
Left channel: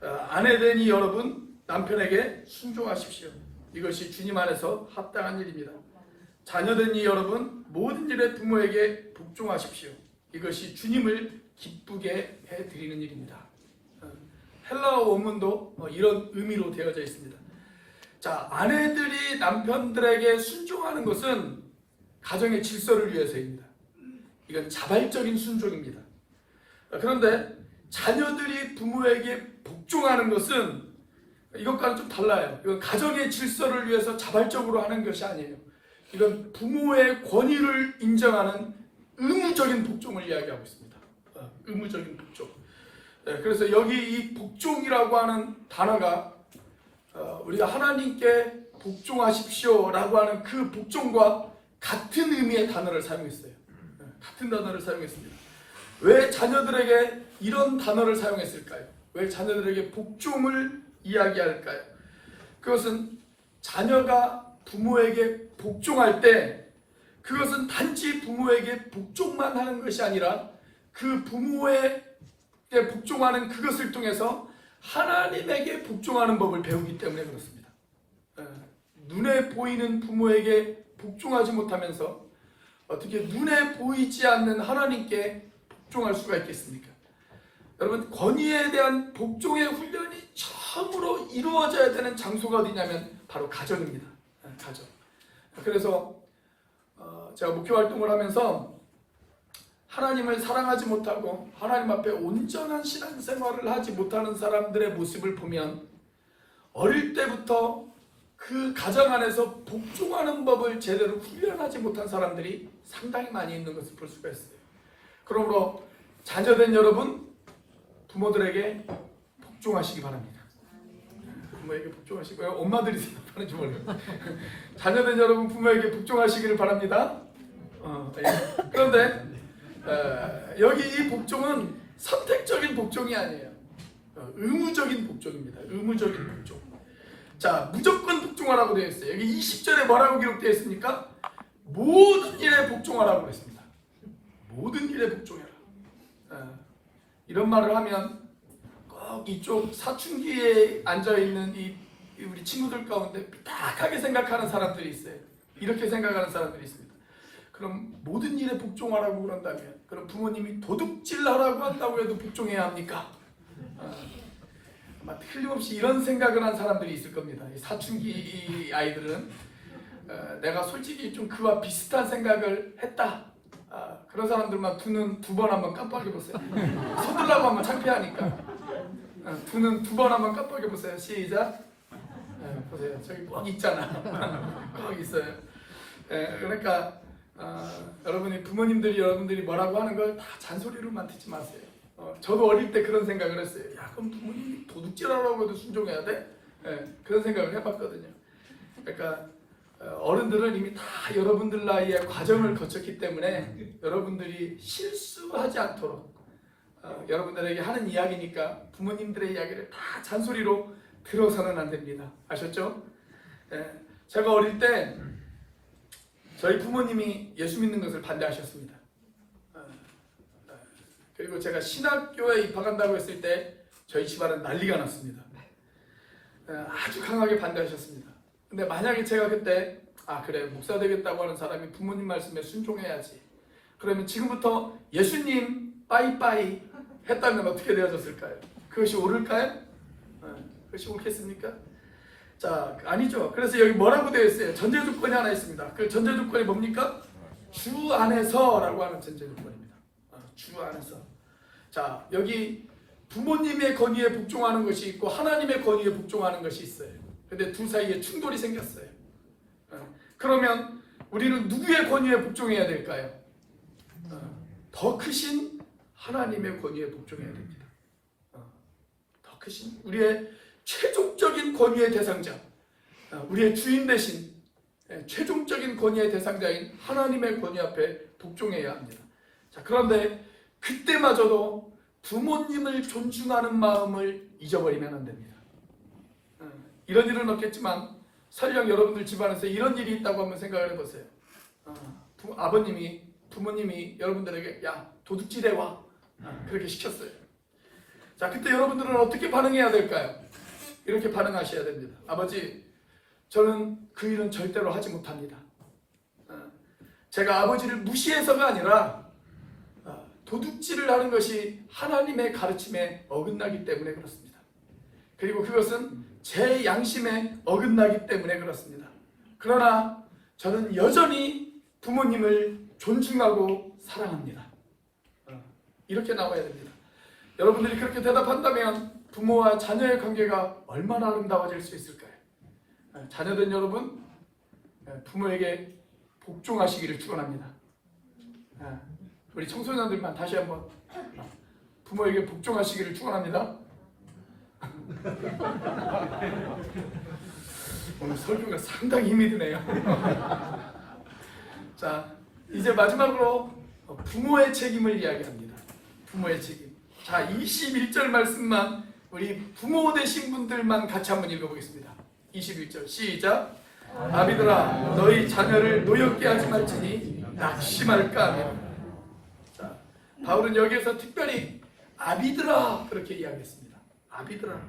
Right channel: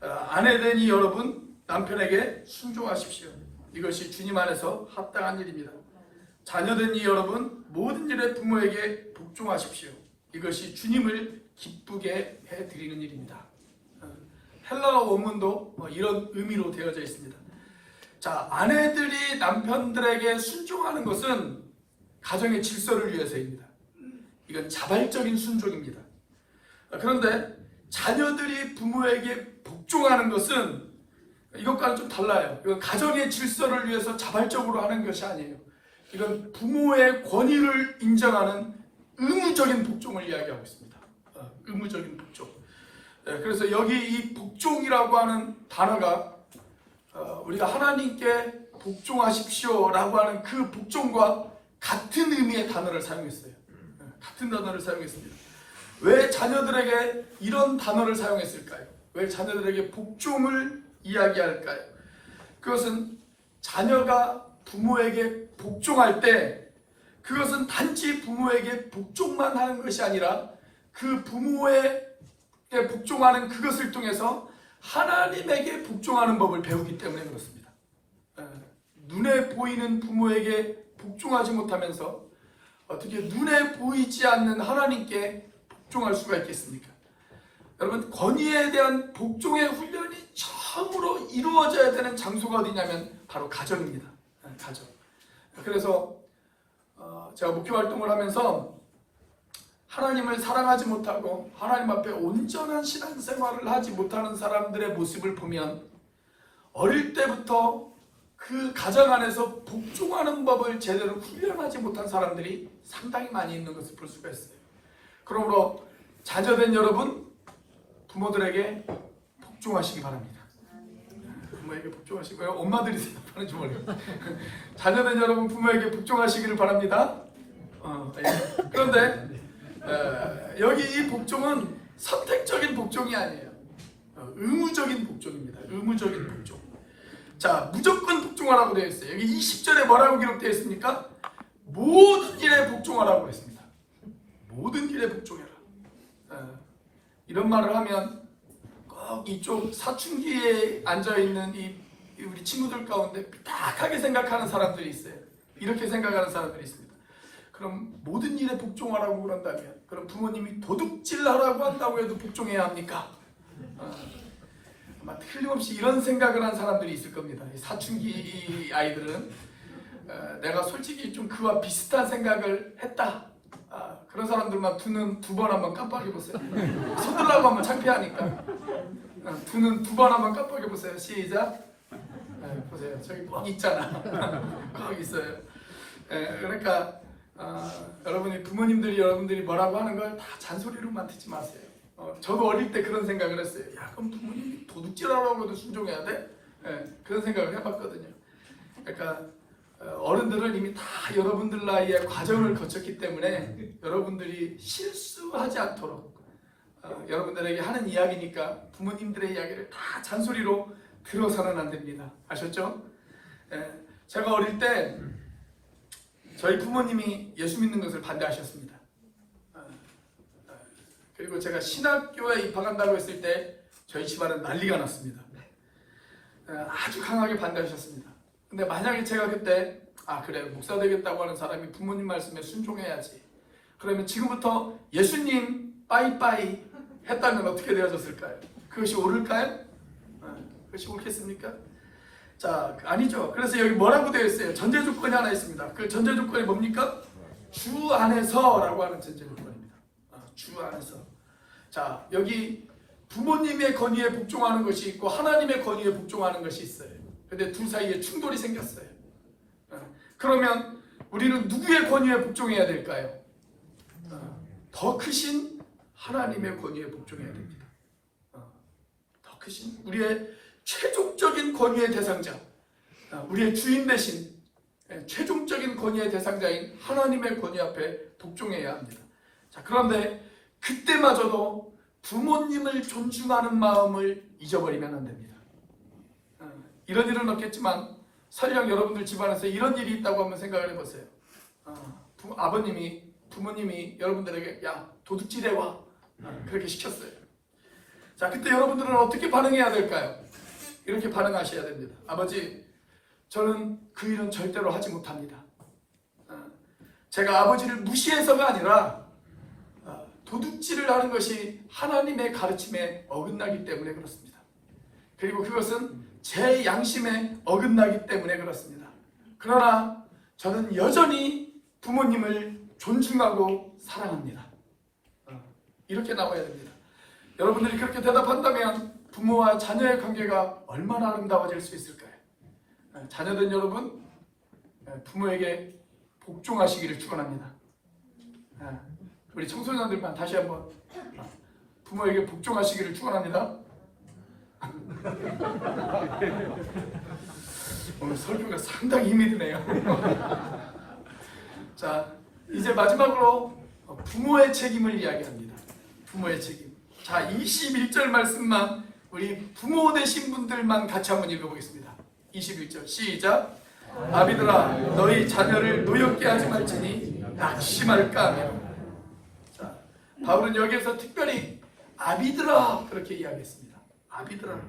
아내되니 여러분 남편에게 순종하십시오. 이것이 주님 안에서 합당한 일입니다. 자녀되니 여러분 모든 일에 부모에게 복종하십시오. 이것이 주님을 기쁘게 해드리는 일입니다. 헬라어 원문도 이런 의미로 되어져 있습니다. 자, 아내들이 남편들에게 순종하는 것은 가정의 질서를 위해서입니다. 이건 자발적인 순종입니다. 그런데 자녀들이 부모에게 복종하는 것은 이것과는 좀 달라요. 이건 가정의 질서를 위해서 자발적으로 하는 것이 아니에요. 이건 부모의 권위를 인정하는 의무적인 복종을 이야기하고 있습니다. 의무적인 복종. 그래서 여기 이 복종이라고 하는 단어가 우리가 하나님께 복종하십시오라고 하는 그 복종과 같은 의미의 단어를 사용했어요. 같은 단어를 사용했습니다. 왜 자녀들에게 이런 단어를 사용했을까요? 왜 자녀들에게 복종을 이야기할까요? 그것은 자녀가 부모에게 복종할 때 그것은 단지 부모에게 복종만 하는 것이 아니라 그 부모에게 복종하는 그것을 통해서 하나님에게 복종하는 법을 배우기 때문에 그렇습니다. 눈에 보이는 부모에게 복종하지 못하면서 어떻게 눈에 보이지 않는 하나님께 복종할 수가 있겠습니까? 여러분, 권위에 대한 복종의 훈련이 처음으로 이루어져야 되는 장소가 어디냐면 바로 가정입니다. 가정. 그래서 제가 목회 활동을 하면서 하나님을 사랑하지 못하고 하나님 앞에 온전한 신앙생활을 하지 못하는 사람들의 모습을 보면 어릴 때부터 그 가정 안에서 복종하는 법을 제대로 훈련하지 못한 사람들이 상당히 많이 있는 것을 볼 수가 있어요. 그러므로 자녀된 여러분, 부모들에게 복종하시기 바랍니다. 부모에게 복종하시고요. 엄마들이 생각하는지 모르겠어요. 자녀된 여러분, 부모에게 복종하시기를 바랍니다. 그런데 여기 이 복종은 선택적인 복종이 아니에요. 의무적인 복종입니다. 의무적인 복종. 자, 무조건 복종하라고 되어 있어요. 여기 20절에 뭐라고 기록되어 있습니까? 모든 일에 복종하라고 그랬습니다. 모든 일에 복종해라. 이런 말을 하면 꼭 이쪽 사춘기에 앉아있는 우리 친구들 가운데 삐딱하게 생각하는 사람들이 있어요. 이렇게 생각하는 사람들이 있습니다. 그럼 모든 일에 복종하라고 그런다면 그럼 부모님이 도둑질하라고 한다고 해도 복종해야 합니까? 아마 틀림없이 이런 생각을 한 사람들이 있을 겁니다. 사춘기 아이들은 내가 솔직히 좀 그와 비슷한 생각을 했다. 그런 사람들만 두 눈 두 번 한번 깜빡여 보세요. 손들라고 하면 창피하니까. 두 눈 두 번 한번 깜빡여 보세요. 시작. 보세요. 저기 꼭 있잖아. 꼭 있어요. 그러니까 여러분이 부모님들이 여러분들이 뭐라고 하는 걸 다 잔소리로만 듣지 마세요. 저도 어릴 때 그런 생각을 했어요. 야, 그럼 부모님이 도둑질하라고 해도 순종해야 돼? 그런 생각을 해봤거든요. 그러니까 어른들은 이미 다 여러분들 나이에 과정을 거쳤기 때문에 여러분들이 실수하지 않도록 여러분들에게 하는 이야기니까 부모님들의 이야기를 다 잔소리로 들어서는 안 됩니다. 아셨죠? 제가 어릴 때 저희 부모님이 예수 믿는 것을 반대하셨습니다. 그리고 제가 신학교에 입학한다고 했을 때 저희 집안은 난리가 났습니다. 아주 강하게 반대하셨습니다. 근데 만약에 제가 그때 그래, 목사 되겠다고 하는 사람이 부모님 말씀에 순종해야지, 그러면 지금부터 예수님 빠이빠이 했다면 어떻게 되어졌을까요? 그것이 옳을까요? 그것이 옳겠습니까? 자, 아니죠. 그래서 여기 뭐라고 되어 있어요? 전제 조건이 하나 있습니다. 그 전제 조건이 뭡니까? 주 안에서라고 하는 전제 조건입니다. 주 안에서. 자, 여기 부모님의 권위에 복종하는 것이 있고 하나님의 권위에 복종하는 것이 있어요. 근데 두 사이에 충돌이 생겼어요. 그러면 우리는 누구의 권위에 복종해야 될까요? 더 크신 하나님의 권위에 복종해야 됩니다. 더 크신 우리의 최종적인 권위의 대상자, 우리의 주인 대신 최종적인 권위의 대상자인 하나님의 권위 앞에 복종해야 합니다. 자, 그런데 그때마저도 부모님을 존중하는 마음을 잊어버리면 안 됩니다. 이런 일은 없겠지만 설령 여러분들 집안에서 이런 일이 있다고 한번 생각을 해보세요. 부모님이 여러분들에게 야 도둑질해 와 그렇게 시켰어요. 자, 그때 여러분들은 어떻게 반응해야 될까요? 이렇게 반응하셔야 됩니다. 아버지, 저는 그 일은 절대로 하지 못합니다. 제가 아버지를 무시해서가 아니라 도둑질을 하는 것이 하나님의 가르침에 어긋나기 때문에 그렇습니다. 그리고 그것은 제 양심에 어긋나기 때문에 그렇습니다. 그러나 저는 여전히 부모님을 존중하고 사랑합니다. 이렇게 나와야 됩니다. 여러분들이 그렇게 대답한다면 부모와 자녀의 관계가 얼마나 아름다워질 수 있을까요? 자녀된 여러분, 부모에게 복종하시기를 축원합니다. 우리 청소년들만 다시 한번 부모에게 복종하시기를 축원합니다. 오늘 설교가 상당히 힘이 드네요. 자, 이제 마지막으로 부모의 책임을 이야기합니다. 부모의 책임. 자, 21절 말씀만 우리 부모 되신 분들만 같이 한번 읽어보겠습니다. 21절 시작. 아비들아, 너희 자녀를 노엽게 하지 말지니 낙심할까 하며. 자, 바울은 여기에서 특별히 아비들아 그렇게 이야기했습니다. 아비들아.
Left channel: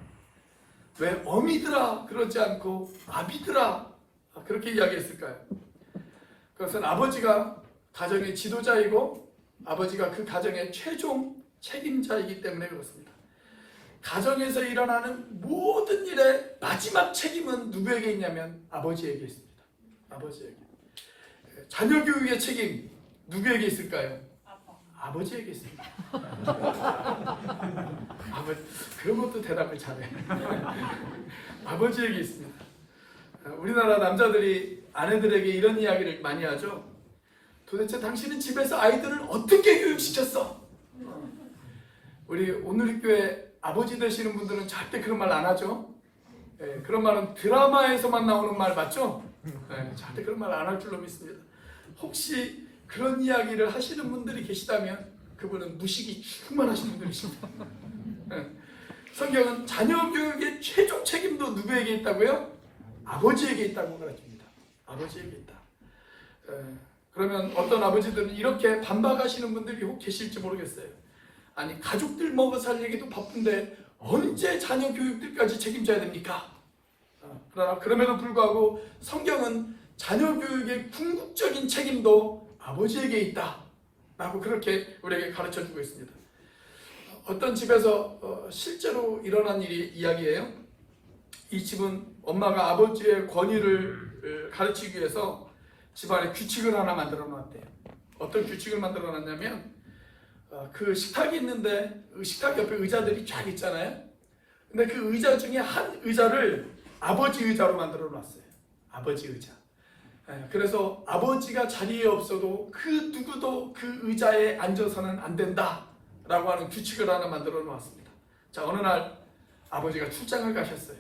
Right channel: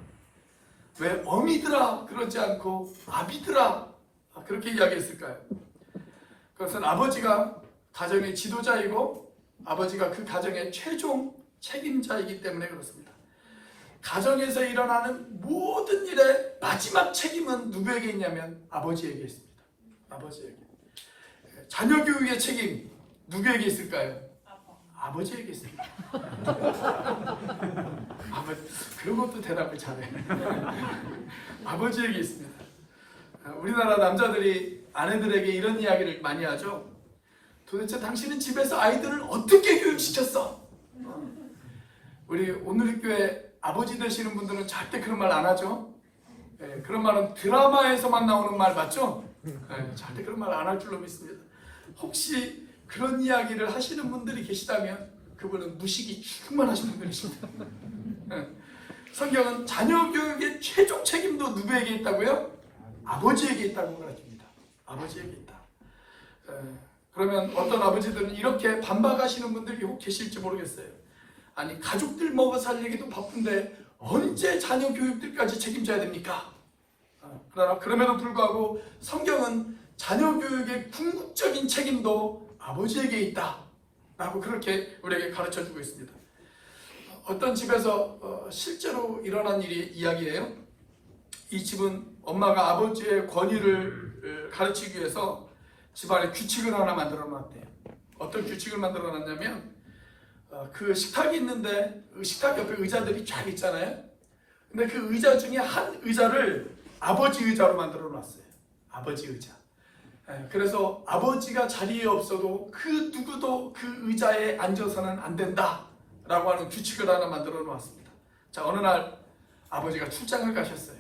왜 어미들아 그러지 않고 아비들아 그렇게 이야기했을까요? 그것은 아버지가 가정의 지도자이고 아버지가 그 가정의 최종 책임자이기 때문에 그렇습니다. 가정에서 일어나는 모든 일의 마지막 책임은 누구에게 있냐면 아버지에게 있습니다. 아버지에게. 자녀 교육의 책임 누구에게 있을까요? 아버지에게 있습니다. 그런 것도 대답을 잘해. 아버지에게 있습니다. 우리나라 남자들이 아내들에게 이런 이야기를 많이 하죠. 도대체 당신은 집에서 아이들을 어떻게 교육시켰어? 우리 오늘교회 아버지 되시는 분들은 절대 그런 말 안 하죠. 그런 말은 드라마에서만 나오는 말 맞죠? 절대 그런 말 안 할 줄로 믿습니다. 혹시 그런 이야기를 하시는 분들이 계시다면 그분은 무식이 충만하신 분들이십니다. 성경은 자녀 교육의 최종 책임도 누구에게 있다고요? 아버지에게 있다고 가르칩니다. 아버지에게 있다. 그러면 어떤 아버지들은 이렇게 반박하시는 분들이 혹 계실지 모르겠어요. 아니, 가족들 먹어 살리기도 바쁜데 언제 자녀 교육들까지 책임져야 됩니까? 그러나 그럼에도 불구하고 성경은 자녀 교육의 궁극적인 책임도 아버지에게 있다 라고 그렇게 우리에게 가르쳐주고 있습니다. 어떤 집에서 실제로 일어난 이야기예요. 이 집은 엄마가 아버지의 권위를 가르치기 위해서 집안에 규칙을 하나 만들어 놨대요. 어떤 규칙을 만들어 놨냐면 그 식탁이 있는데 그 식탁 옆에 의자들이 쫙 있잖아요. 근데 그 의자 중에 한 의자를 아버지 의자로 만들어 놨어요. 아버지 의자. 그래서 아버지가 자리에 없어도 그 누구도 그 의자에 앉아서는 안 된다 라고 하는 규칙을 하나 만들어 놓았습니다. 자, 어느 날 아버지가 출장을 가셨어요.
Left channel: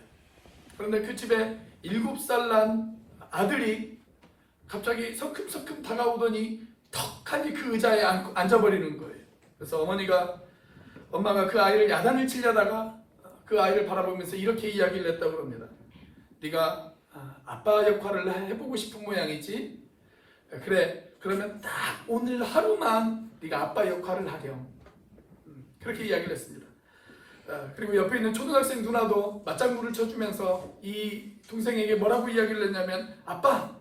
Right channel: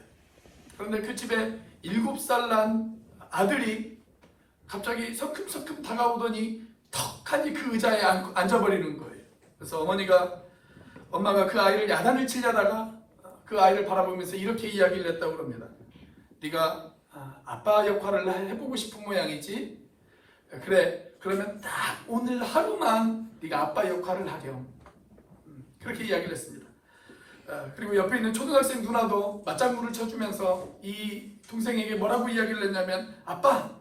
그런데 그 집에 7살 난 아들이 갑자기 성큼성큼 다가오더니 턱하니 그 의자에 앉아버리는 거예요. 그래서 엄마가 그 아이를 야단을 치려다가 그 아이를 바라보면서 이렇게 이야기를 했다고 합니다. 네가 아빠 역할을 해보고 싶은 모양이지? 그래, 그러면 딱 오늘 하루만 네가 아빠 역할을 하렴. 그렇게 이야기를 했습니다. 그리고 옆에 있는 초등학생 누나도 맞장구를 쳐주면서 이 동생에게 뭐라고 이야기를 했냐면 아빠,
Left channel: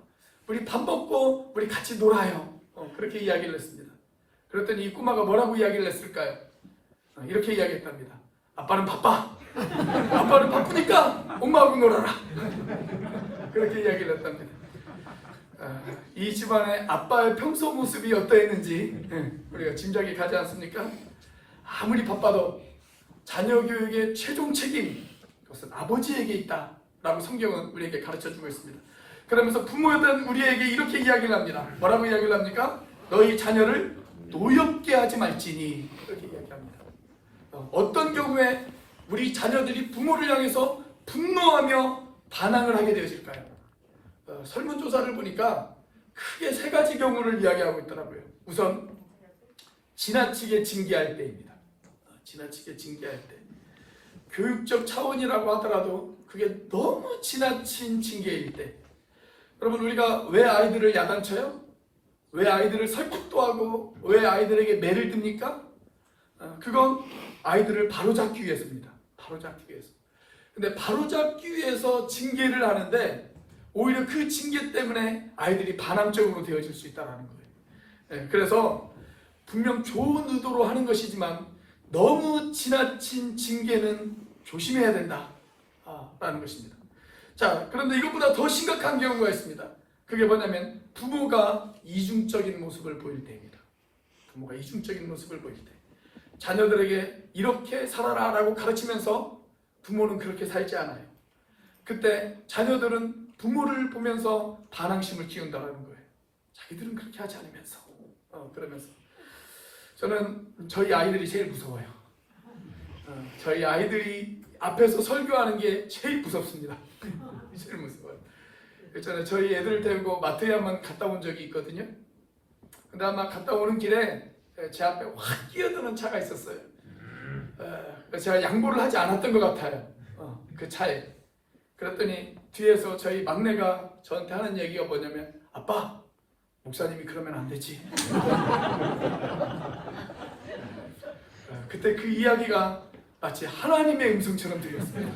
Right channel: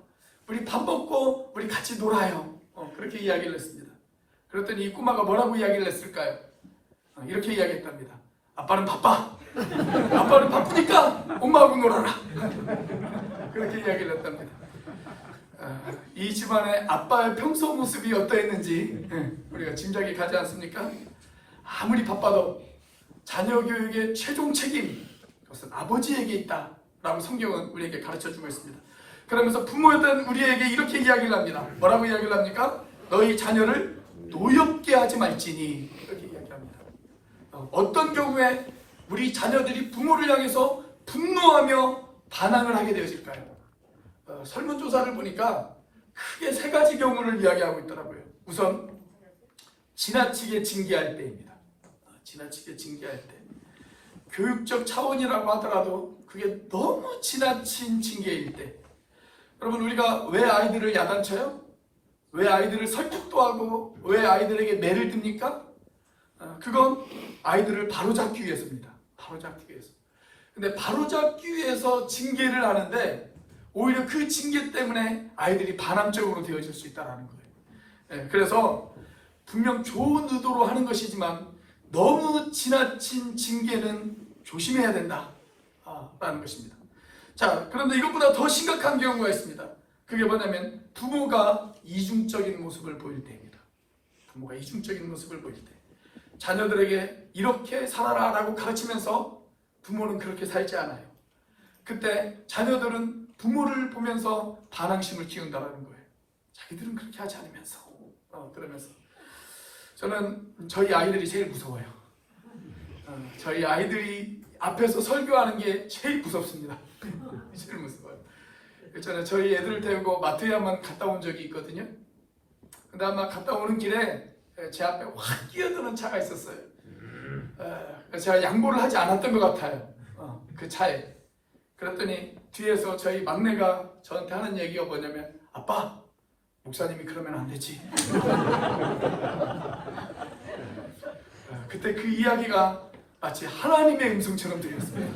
우리 밥 먹고 우리 같이 놀아요. 그렇게 이야기를 했습니다. 그랬더니 이 꼬마가 뭐라고 이야기를 했을까요? 이렇게 이야기했답니다. 아빠는 바빠. 아빠는 바쁘니까 엄마하고 놀아라. 그렇게 이야기를 했답니다. 이 집안의 아빠의 평소 모습이 어떠했는지 우리가 짐작이 가지 않습니까? 아무리 바빠도 자녀 교육의 최종 책임, 그것은 아버지에게 있다라고 성경은 우리에게 가르쳐주고 있습니다. 그러면서 부모였던 우리에게 이렇게 이야기를 합니다. 뭐라고 이야기를 합니까? 너희 자녀를 노엽게 하지 말지니, 이렇게 이야기합니다. 어떤 경우에 우리 자녀들이 부모를 향해서 분노하며 반항을 하게 되어질까요? 설문조사를 보니까 크게 세 가지 경우를 이야기하고 있더라고요. 우선 지나치게 징계할 때입니다. 지나치게 징계할 때. 교육적 차원이라고 하더라도 그게 너무 지나친 징계일 때. 여러분, 우리가 왜 아이들을 야단쳐요? 왜 아이들을 설득도 하고 왜 아이들에게 매를 듭니까? 그건 아이들을 바로잡기 위해서입니다. 바로잡기 위해서. 근데 바로잡기 위해서 징계를 하는데 오히려 그 징계 때문에 아이들이 반항적으로 되어질 수 있다는 거예요. 그래서 분명 좋은 의도로 하는 것이지만 너무 지나친 징계는 조심해야 된다 라는 것입니다. 자, 그런데 이것보다 더 심각한 경우가 있습니다. 그게 뭐냐면 부모가 이중적인 모습을 보일 때입니다. 부모가 이중적인 모습을 보일 때. 자녀들에게 이렇게 살아라 라고 가르치면서 부모는 그렇게 살지 않아요. 그때 자녀들은 부모를 보면서 반항심을 키운다는 거예요. 자기들은 그렇게 하지 않으면서 그러면서 저는 저희 아이들이 제일 무서워요. 저희 아이들이 앞에서 설교하는 게 제일 무섭습니다. 제일 무서워요. 저는 저희 애들을 데리고 마트에 한번 갔다 온 적이 있거든요. 근데 아마 갔다 오는 길에 제 앞에 확 끼어드는 차가 있었어요. 제가 양보를 하지 않았던 것 같아요. 그 차에. 그랬더니 뒤에서 저희 막내가 저한테 하는 얘기가 뭐냐면, 아빠, 목사님이 그러면 안 되지. 그때 그 이야기가 마치 하나님의 음성처럼 들렸습니다.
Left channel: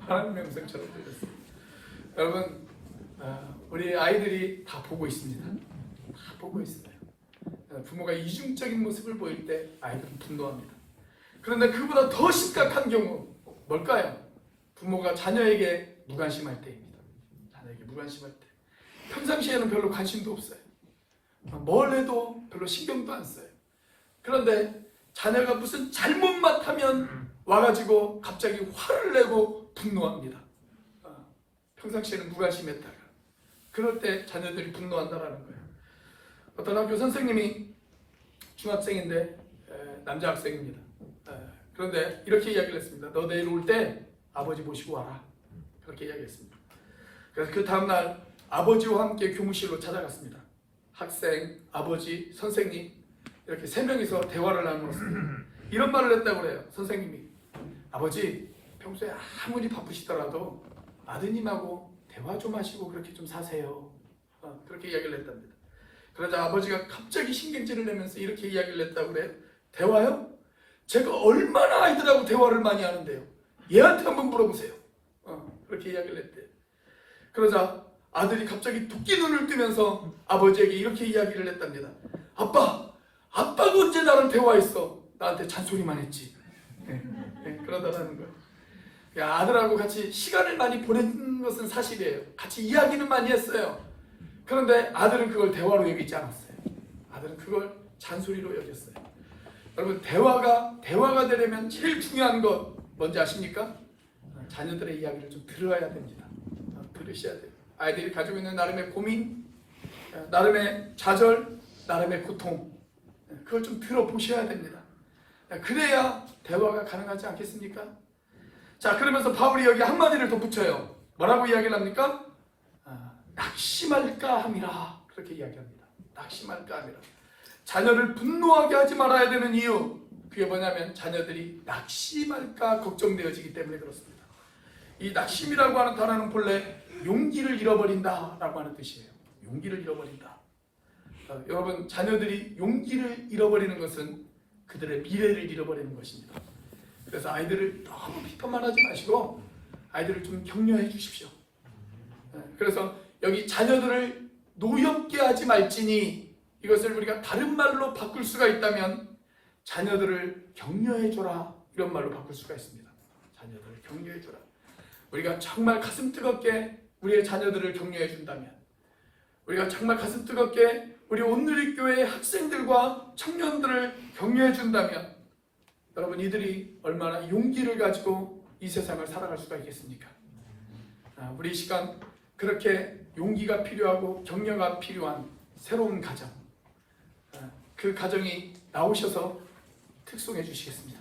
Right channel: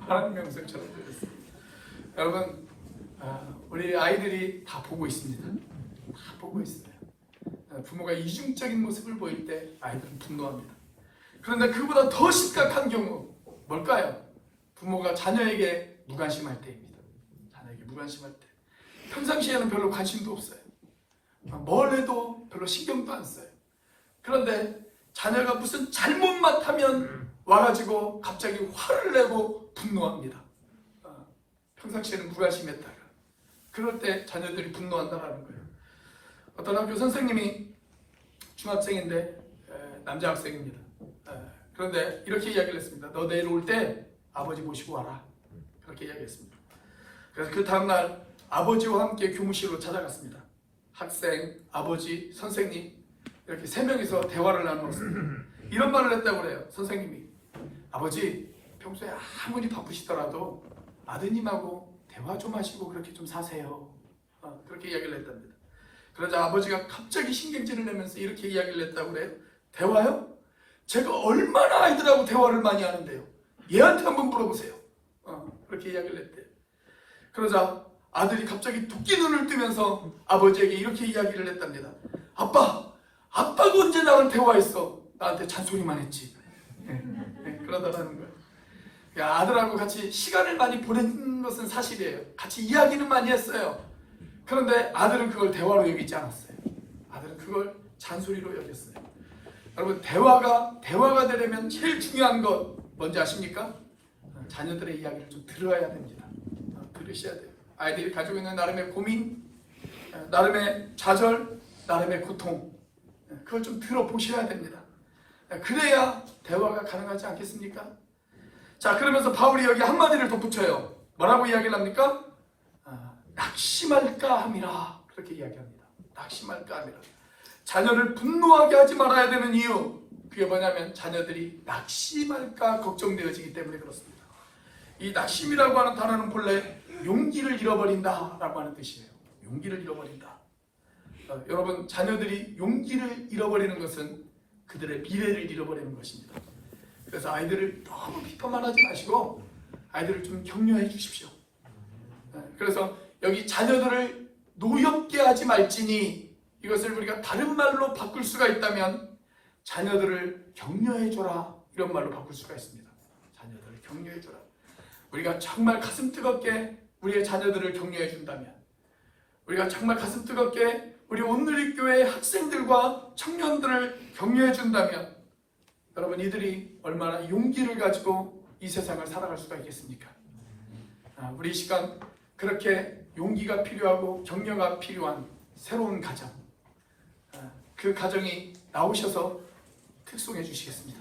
하나님의 음성처럼 들렸습니다. 여러분, 우리 아이들이 다 보고 있습니다. 다 보고 있어요. 부모가 이중적인 모습을 보일 때 아이들은 분노합니다. 그런데 그보다 더 심각한 경우 뭘까요? 부모가 자녀에게 무관심할 때입니다. 자녀에게 무관심할 때. 평상시에는 별로 관심도 없어요. 뭘 해도 별로 신경도 안 써요. 그런데 자녀가 무슨 잘못만 하면 와가지고 갑자기 화를 내고 분노합니다. 평상시에는 무관심했다가 그럴 때 자녀들이 분노한다라는 거예요. 어떤 학교 선생님이 중학생인데 남자 학생입니다. 그런데 이렇게 이야기를 했습니다. 너 내일 올 때 아버지 모시고 와라. 그렇게 이야기했습니다. 그래서 그 다음날 아버지와 함께 교무실로 찾아갔습니다. 학생, 아버지, 선생님 이렇게 세 명이서 대화를 나누었습니다. 이런 말을 했다고 그래요. 선생님이, 아버지 평소에 아무리 바쁘시더라도 아드님하고 대화 좀 하시고 그렇게 좀 사세요. 그렇게 이야기를 했답니다. 그러자 아버지가 갑자기 신경질을 내면서 이렇게 이야기를 했다고 그래요. 대화요? 제가 얼마나 아이들하고 대화를 많이 하는데요. 얘한테 한번 물어보세요. 그렇게 이야기를 했대요. 그러자 아들이 갑자기 토끼 눈을 뜨면서 아버지에게 이렇게 이야기를 했답니다. 아빠가 언제 나랑 대화했어? 나한테 잔소리만 했지. 그러더라는 거예요. 아들하고 같이 시간을 많이 보낸 것은 사실이에요. 같이 이야기는 많이 했어요. 그런데 아들은 그걸 대화로 여기지 않았어요. 아들은 그걸 잔소리로 여겼어요. 여러분, 대화가 되려면 제일 중요한 것 뭔지 아십니까? 자녀들의 이야기를 좀 들어야 됩니다. 들으셔야 돼요. 아이들이 가지고 있는 나름의 고민, 나름의 좌절, 나름의 고통, 그걸 좀 들어보셔야 됩니다. 그래야 대화가 가능하지 않겠습니까? 자, 그러면서 바울이 여기 한마디를 덧붙여요. 뭐라고 이야기를 합니까? 낙심할까 함이라. 그렇게 이야기합니다. 낙심할까 함이라. 자녀를 분노하게 하지 말아야 되는 이유, 그게 뭐냐면 자녀들이 낙심할까 걱정되어지기 때문에 그렇습니다. 이 낙심이라고 하는 단어는 본래 용기를 잃어버린다 라고 하는 뜻이에요. 용기를 잃어버린다. 여러분, 자녀들이 용기를 잃어버리는 것은 그들의 미래를 잃어버리는 것입니다. 그래서 아이들을 너무 비판만 하지 마시고 아이들을 좀 격려해 주십시오. 그래서 여기 자녀들을 노엽게 하지 말지니, 이것을 우리가 다른 말로 바꿀 수가 있다면 자녀들을 격려해줘라, 이런 말로 바꿀 수가 있습니다. 자녀들을 격려해줘라. 우리가 정말 가슴 뜨겁게 우리의 자녀들을 격려해준다면, 우리가 정말 가슴 뜨겁게 우리 온누리교회 학생들과 청년들을 격려해준다면, 여러분, 이들이 얼마나 용기를 가지고 이 세상을 살아갈 수가 있겠습니까? 우리 이 시간 그렇게 용기가 필요하고 격려가 필요한 새로운 가정, 그 가정이 나오셔서 특송해 주시겠습니다.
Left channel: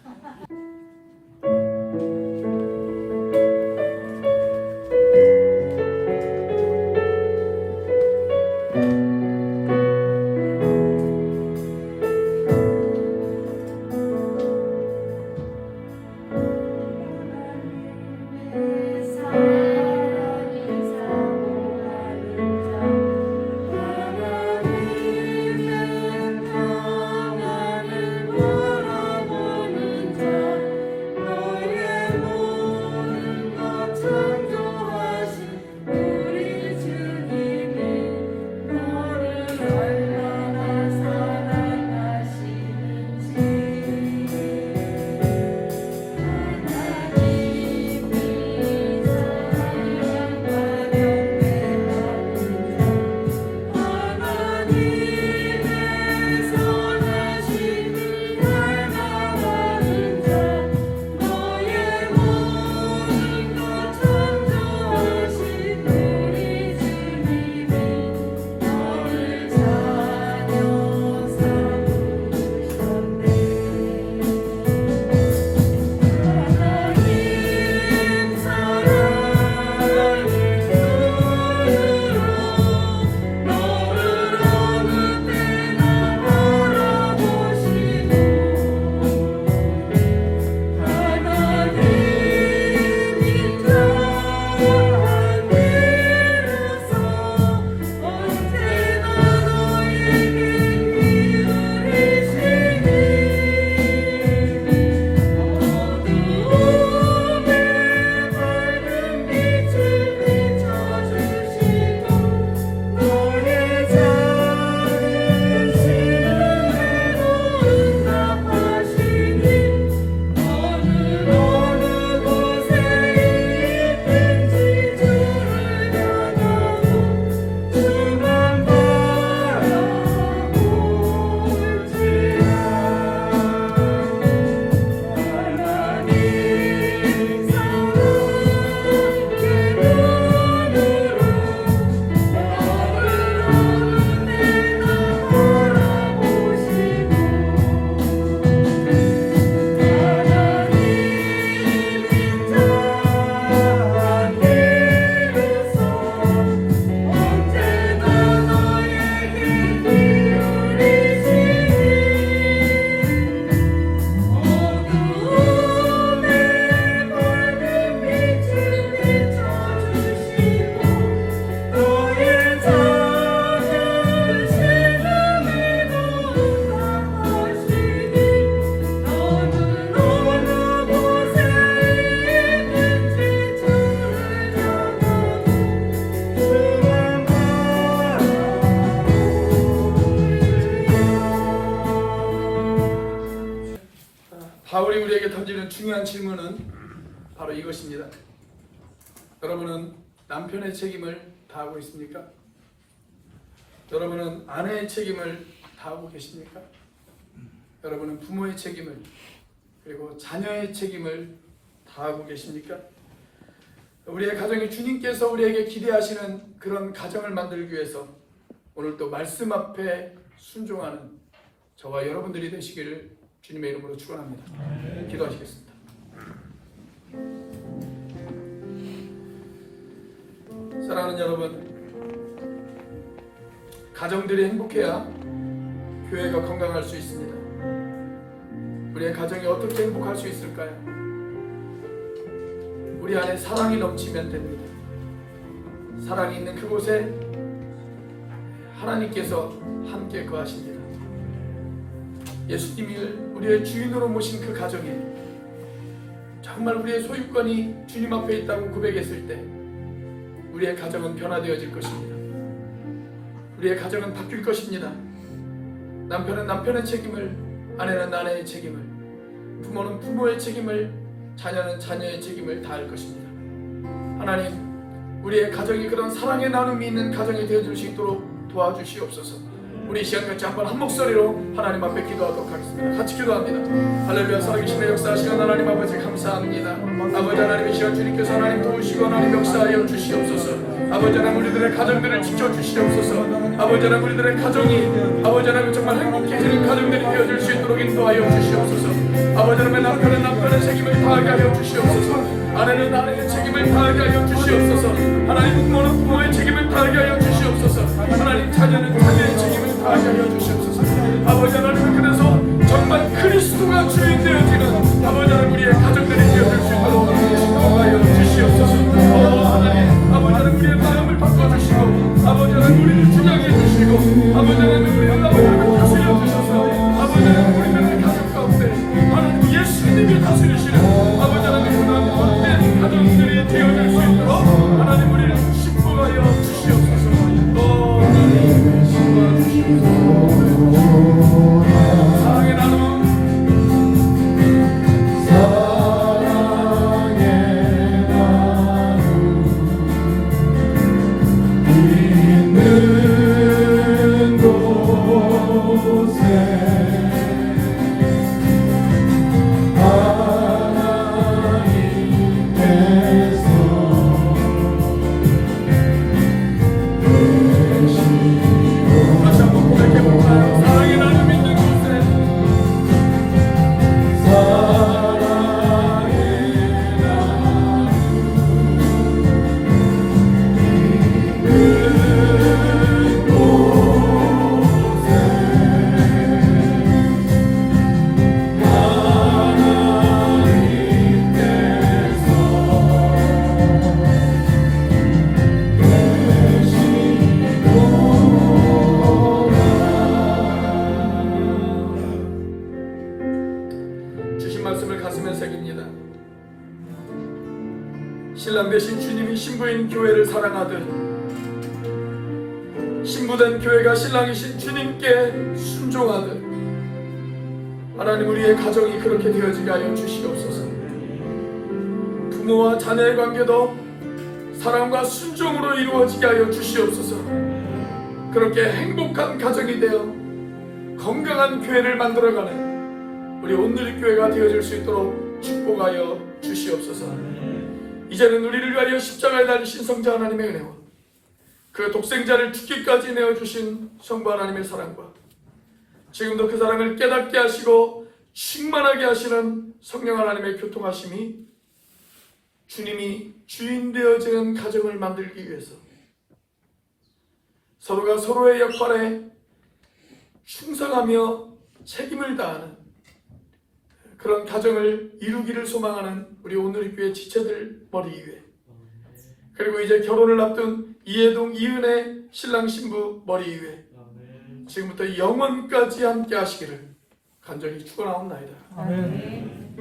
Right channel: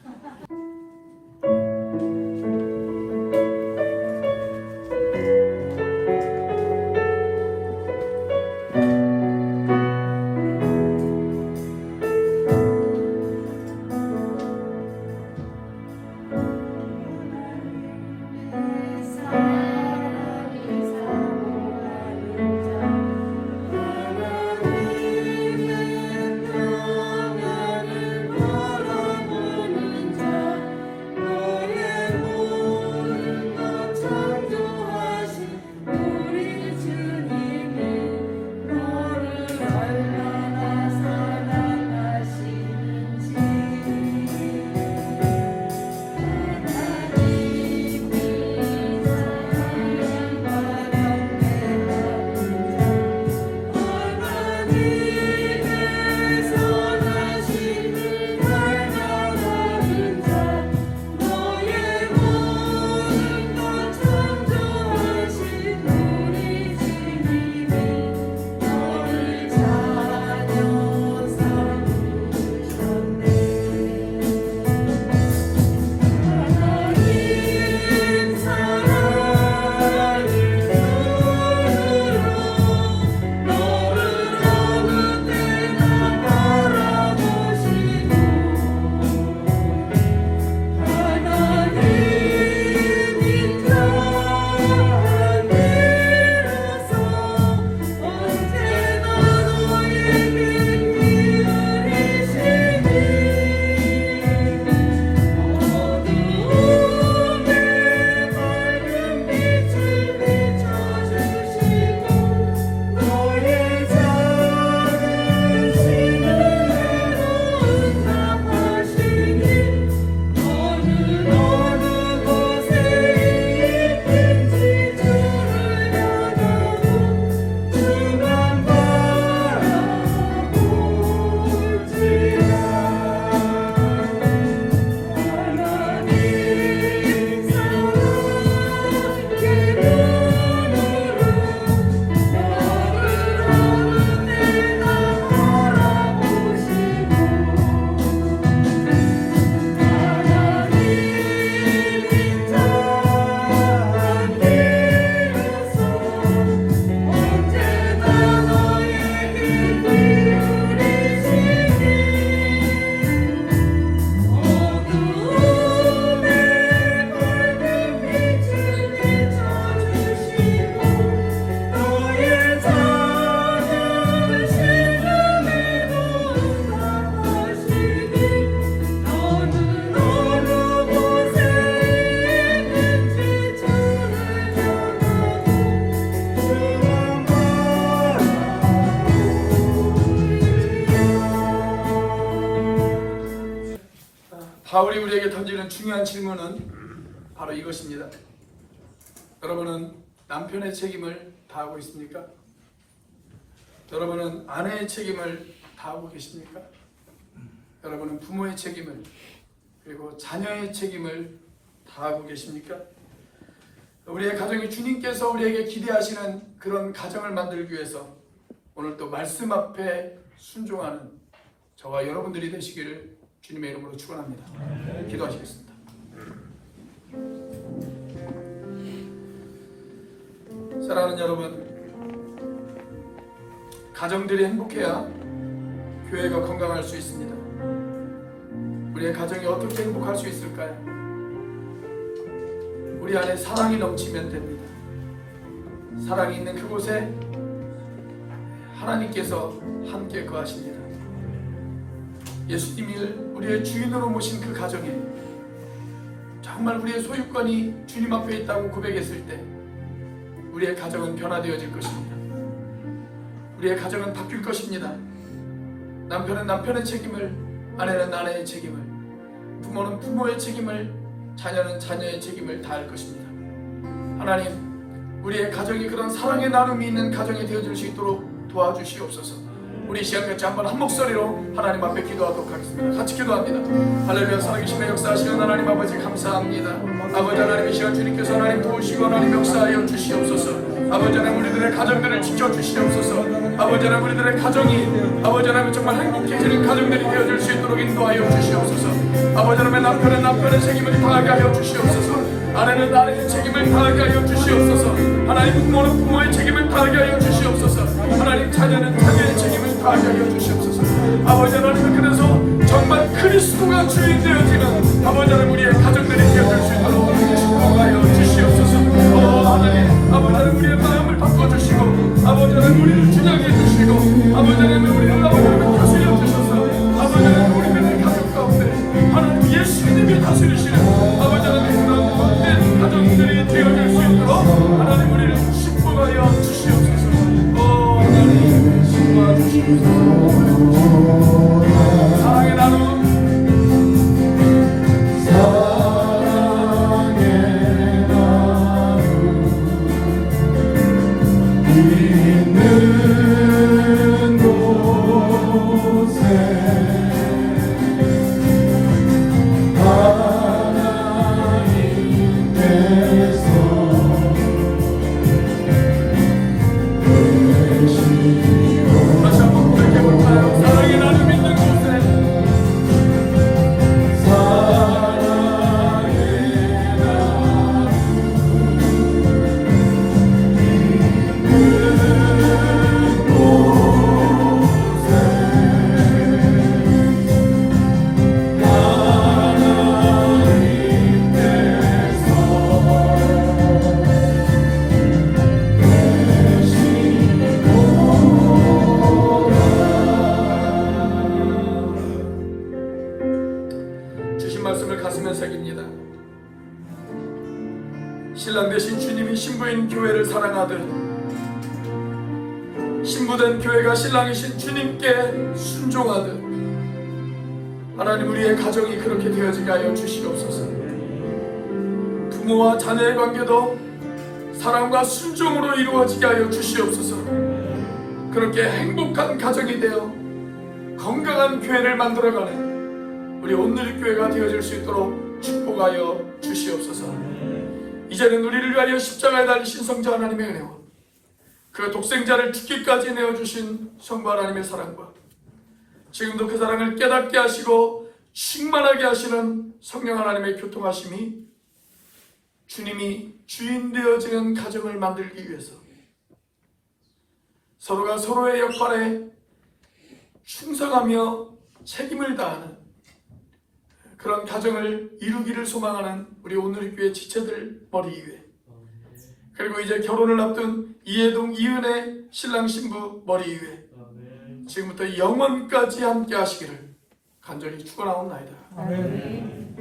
바울이 우리에게 던지는 중요한 질문은 바로 이것입니다. 여러분은 남편의 책임을 다하고 있습니까? 여러분은 아내의 책임을 다하고 계십니까? 여러분은 부모의 책임을, 그리고 자녀의 책임을 다하고 계십니까? 우리의 가정이 주님께서 우리에게 기대하시는 그런 가정을 만들기 위해서 오늘 또 말씀 앞에 순종하는 저와 여러분들이 되시기를 주님의 이름으로 축원합니다. 기도하시겠습니다. 사랑하는 여러분, 가정들이 행복해야 교회가 건강할 수 있습니다. 우리의 가정이 어떻게 행복할 수 있을까요? 우리 안에 사랑이 넘치면 됩니다. 사랑이 있는 그곳에 하나님께서 함께 거하십니다. 예수님이 우리의 주인으로 모신 그 가정에 정말 우리의 소유권이 주님 앞에 있다고 고백했을 때 우리의 가정은 변화되어질 것입니다. 우리의 가정은 바뀔 것입니다. 남편은 남편의 책임을, 아내는 아내의 책임을, 부모는 부모의 책임을, 자녀는 자녀의 책임을 다할 것입니다. 하나님, 우리의 가정이 그런 사랑의 나눔이 있는 가정이 되어줄 수 있도록 도와주시옵소서. 우리 시간 같이 한번 한 목소리로 하나님 앞에 기도하도록 하겠습니다. 같이 기도합니다. 할렐루야. 살아계신 역사하시는 하나님 아버지 감사합니다. 아버지 하나님, 이 시간 주님께서 하나님 도우시고 하나님 역사하여 주시옵소서. 아버지 하나님 우리들의 가정들을 지켜주시옵소서. 아버지 하나님 우리들의 가정이 아버지 하나님 정말 행복해지는 가정들이 되어줄 수 있도록 인도하여 주시옵소서. 아버지 하나님 남편은 남편의 책임을 다하게 하여 주시옵소서. 아내는 아내의 책임을 다하게 하여 주시옵소서. 하나님 부모는 부모의 책임을 다하게 하여 주시옵소서. 하나님 자녀는 자녀의 책임을 다하게 하여 주시옵소서. 아버지 하나님 그래서 정말 그리스도가 주인 되어지는 아버지 하나님 우리의 가정들이 되어줄 수 있도록 인도하여 주시옵소서. 하나님 아버지 하나님 우리의 마음을 바꿔주시고 아버지 하나님 우리를 주장해 주시고 아버지 하나님 우리를 다스려 주셔서 아버지 하나님 우리들의 가정 가운데 하나님 예수님이 다스리시는 아버지 하나님 그런 복된 가정들이 되어질 수 있도록 하나님 우리를 축복하여 주시옵소서. 하나님 도와주시옵소서. 사랑의 나눔 다시 한번 고백해볼까요? 사랑의 나눔 있는 곳에 주신 말씀을 가슴에 새깁니다. 신랑 되신 주님이 신부인 교회를 사랑하듯 신부된 교회가 신랑이신 주님께 순종하듯 하나님 우리의 가정이 그렇게 되어지게 하여 주시옵소서. 부모와 자녀의 관계도 사랑과 순종으로 이루어지게 하여 주시옵소서. 그렇게 행복한 가정이 되어 건강한 교회를 만들어가는 우리 온누리 교회가 되어질 수 있도록 축복하여 주시옵소서. 이제는 우리를 위하여 십자가에 달리신 성자 하나님의 은혜와 그 독생자를 죽기까지 내어주신 성부 하나님의 사랑과 지금도 그 사랑을 깨닫게 하시고 충만하게 하시는 성령 하나님의 교통하심이 주님이 주인 되어지는 가정을 만들기 위해서 서로가 서로의 역할에 충성하며 책임을 다하는 그런 가정을 이루기를 소망하는 우리 온누리 교회 지체들 머리 위에, 그리고 이제 결혼을 앞둔 이해동 이은혜 신랑 신부 머리 위에 지금부터 영원까지 함께 하시기를 간절히 축원하옵나이다. 아멘.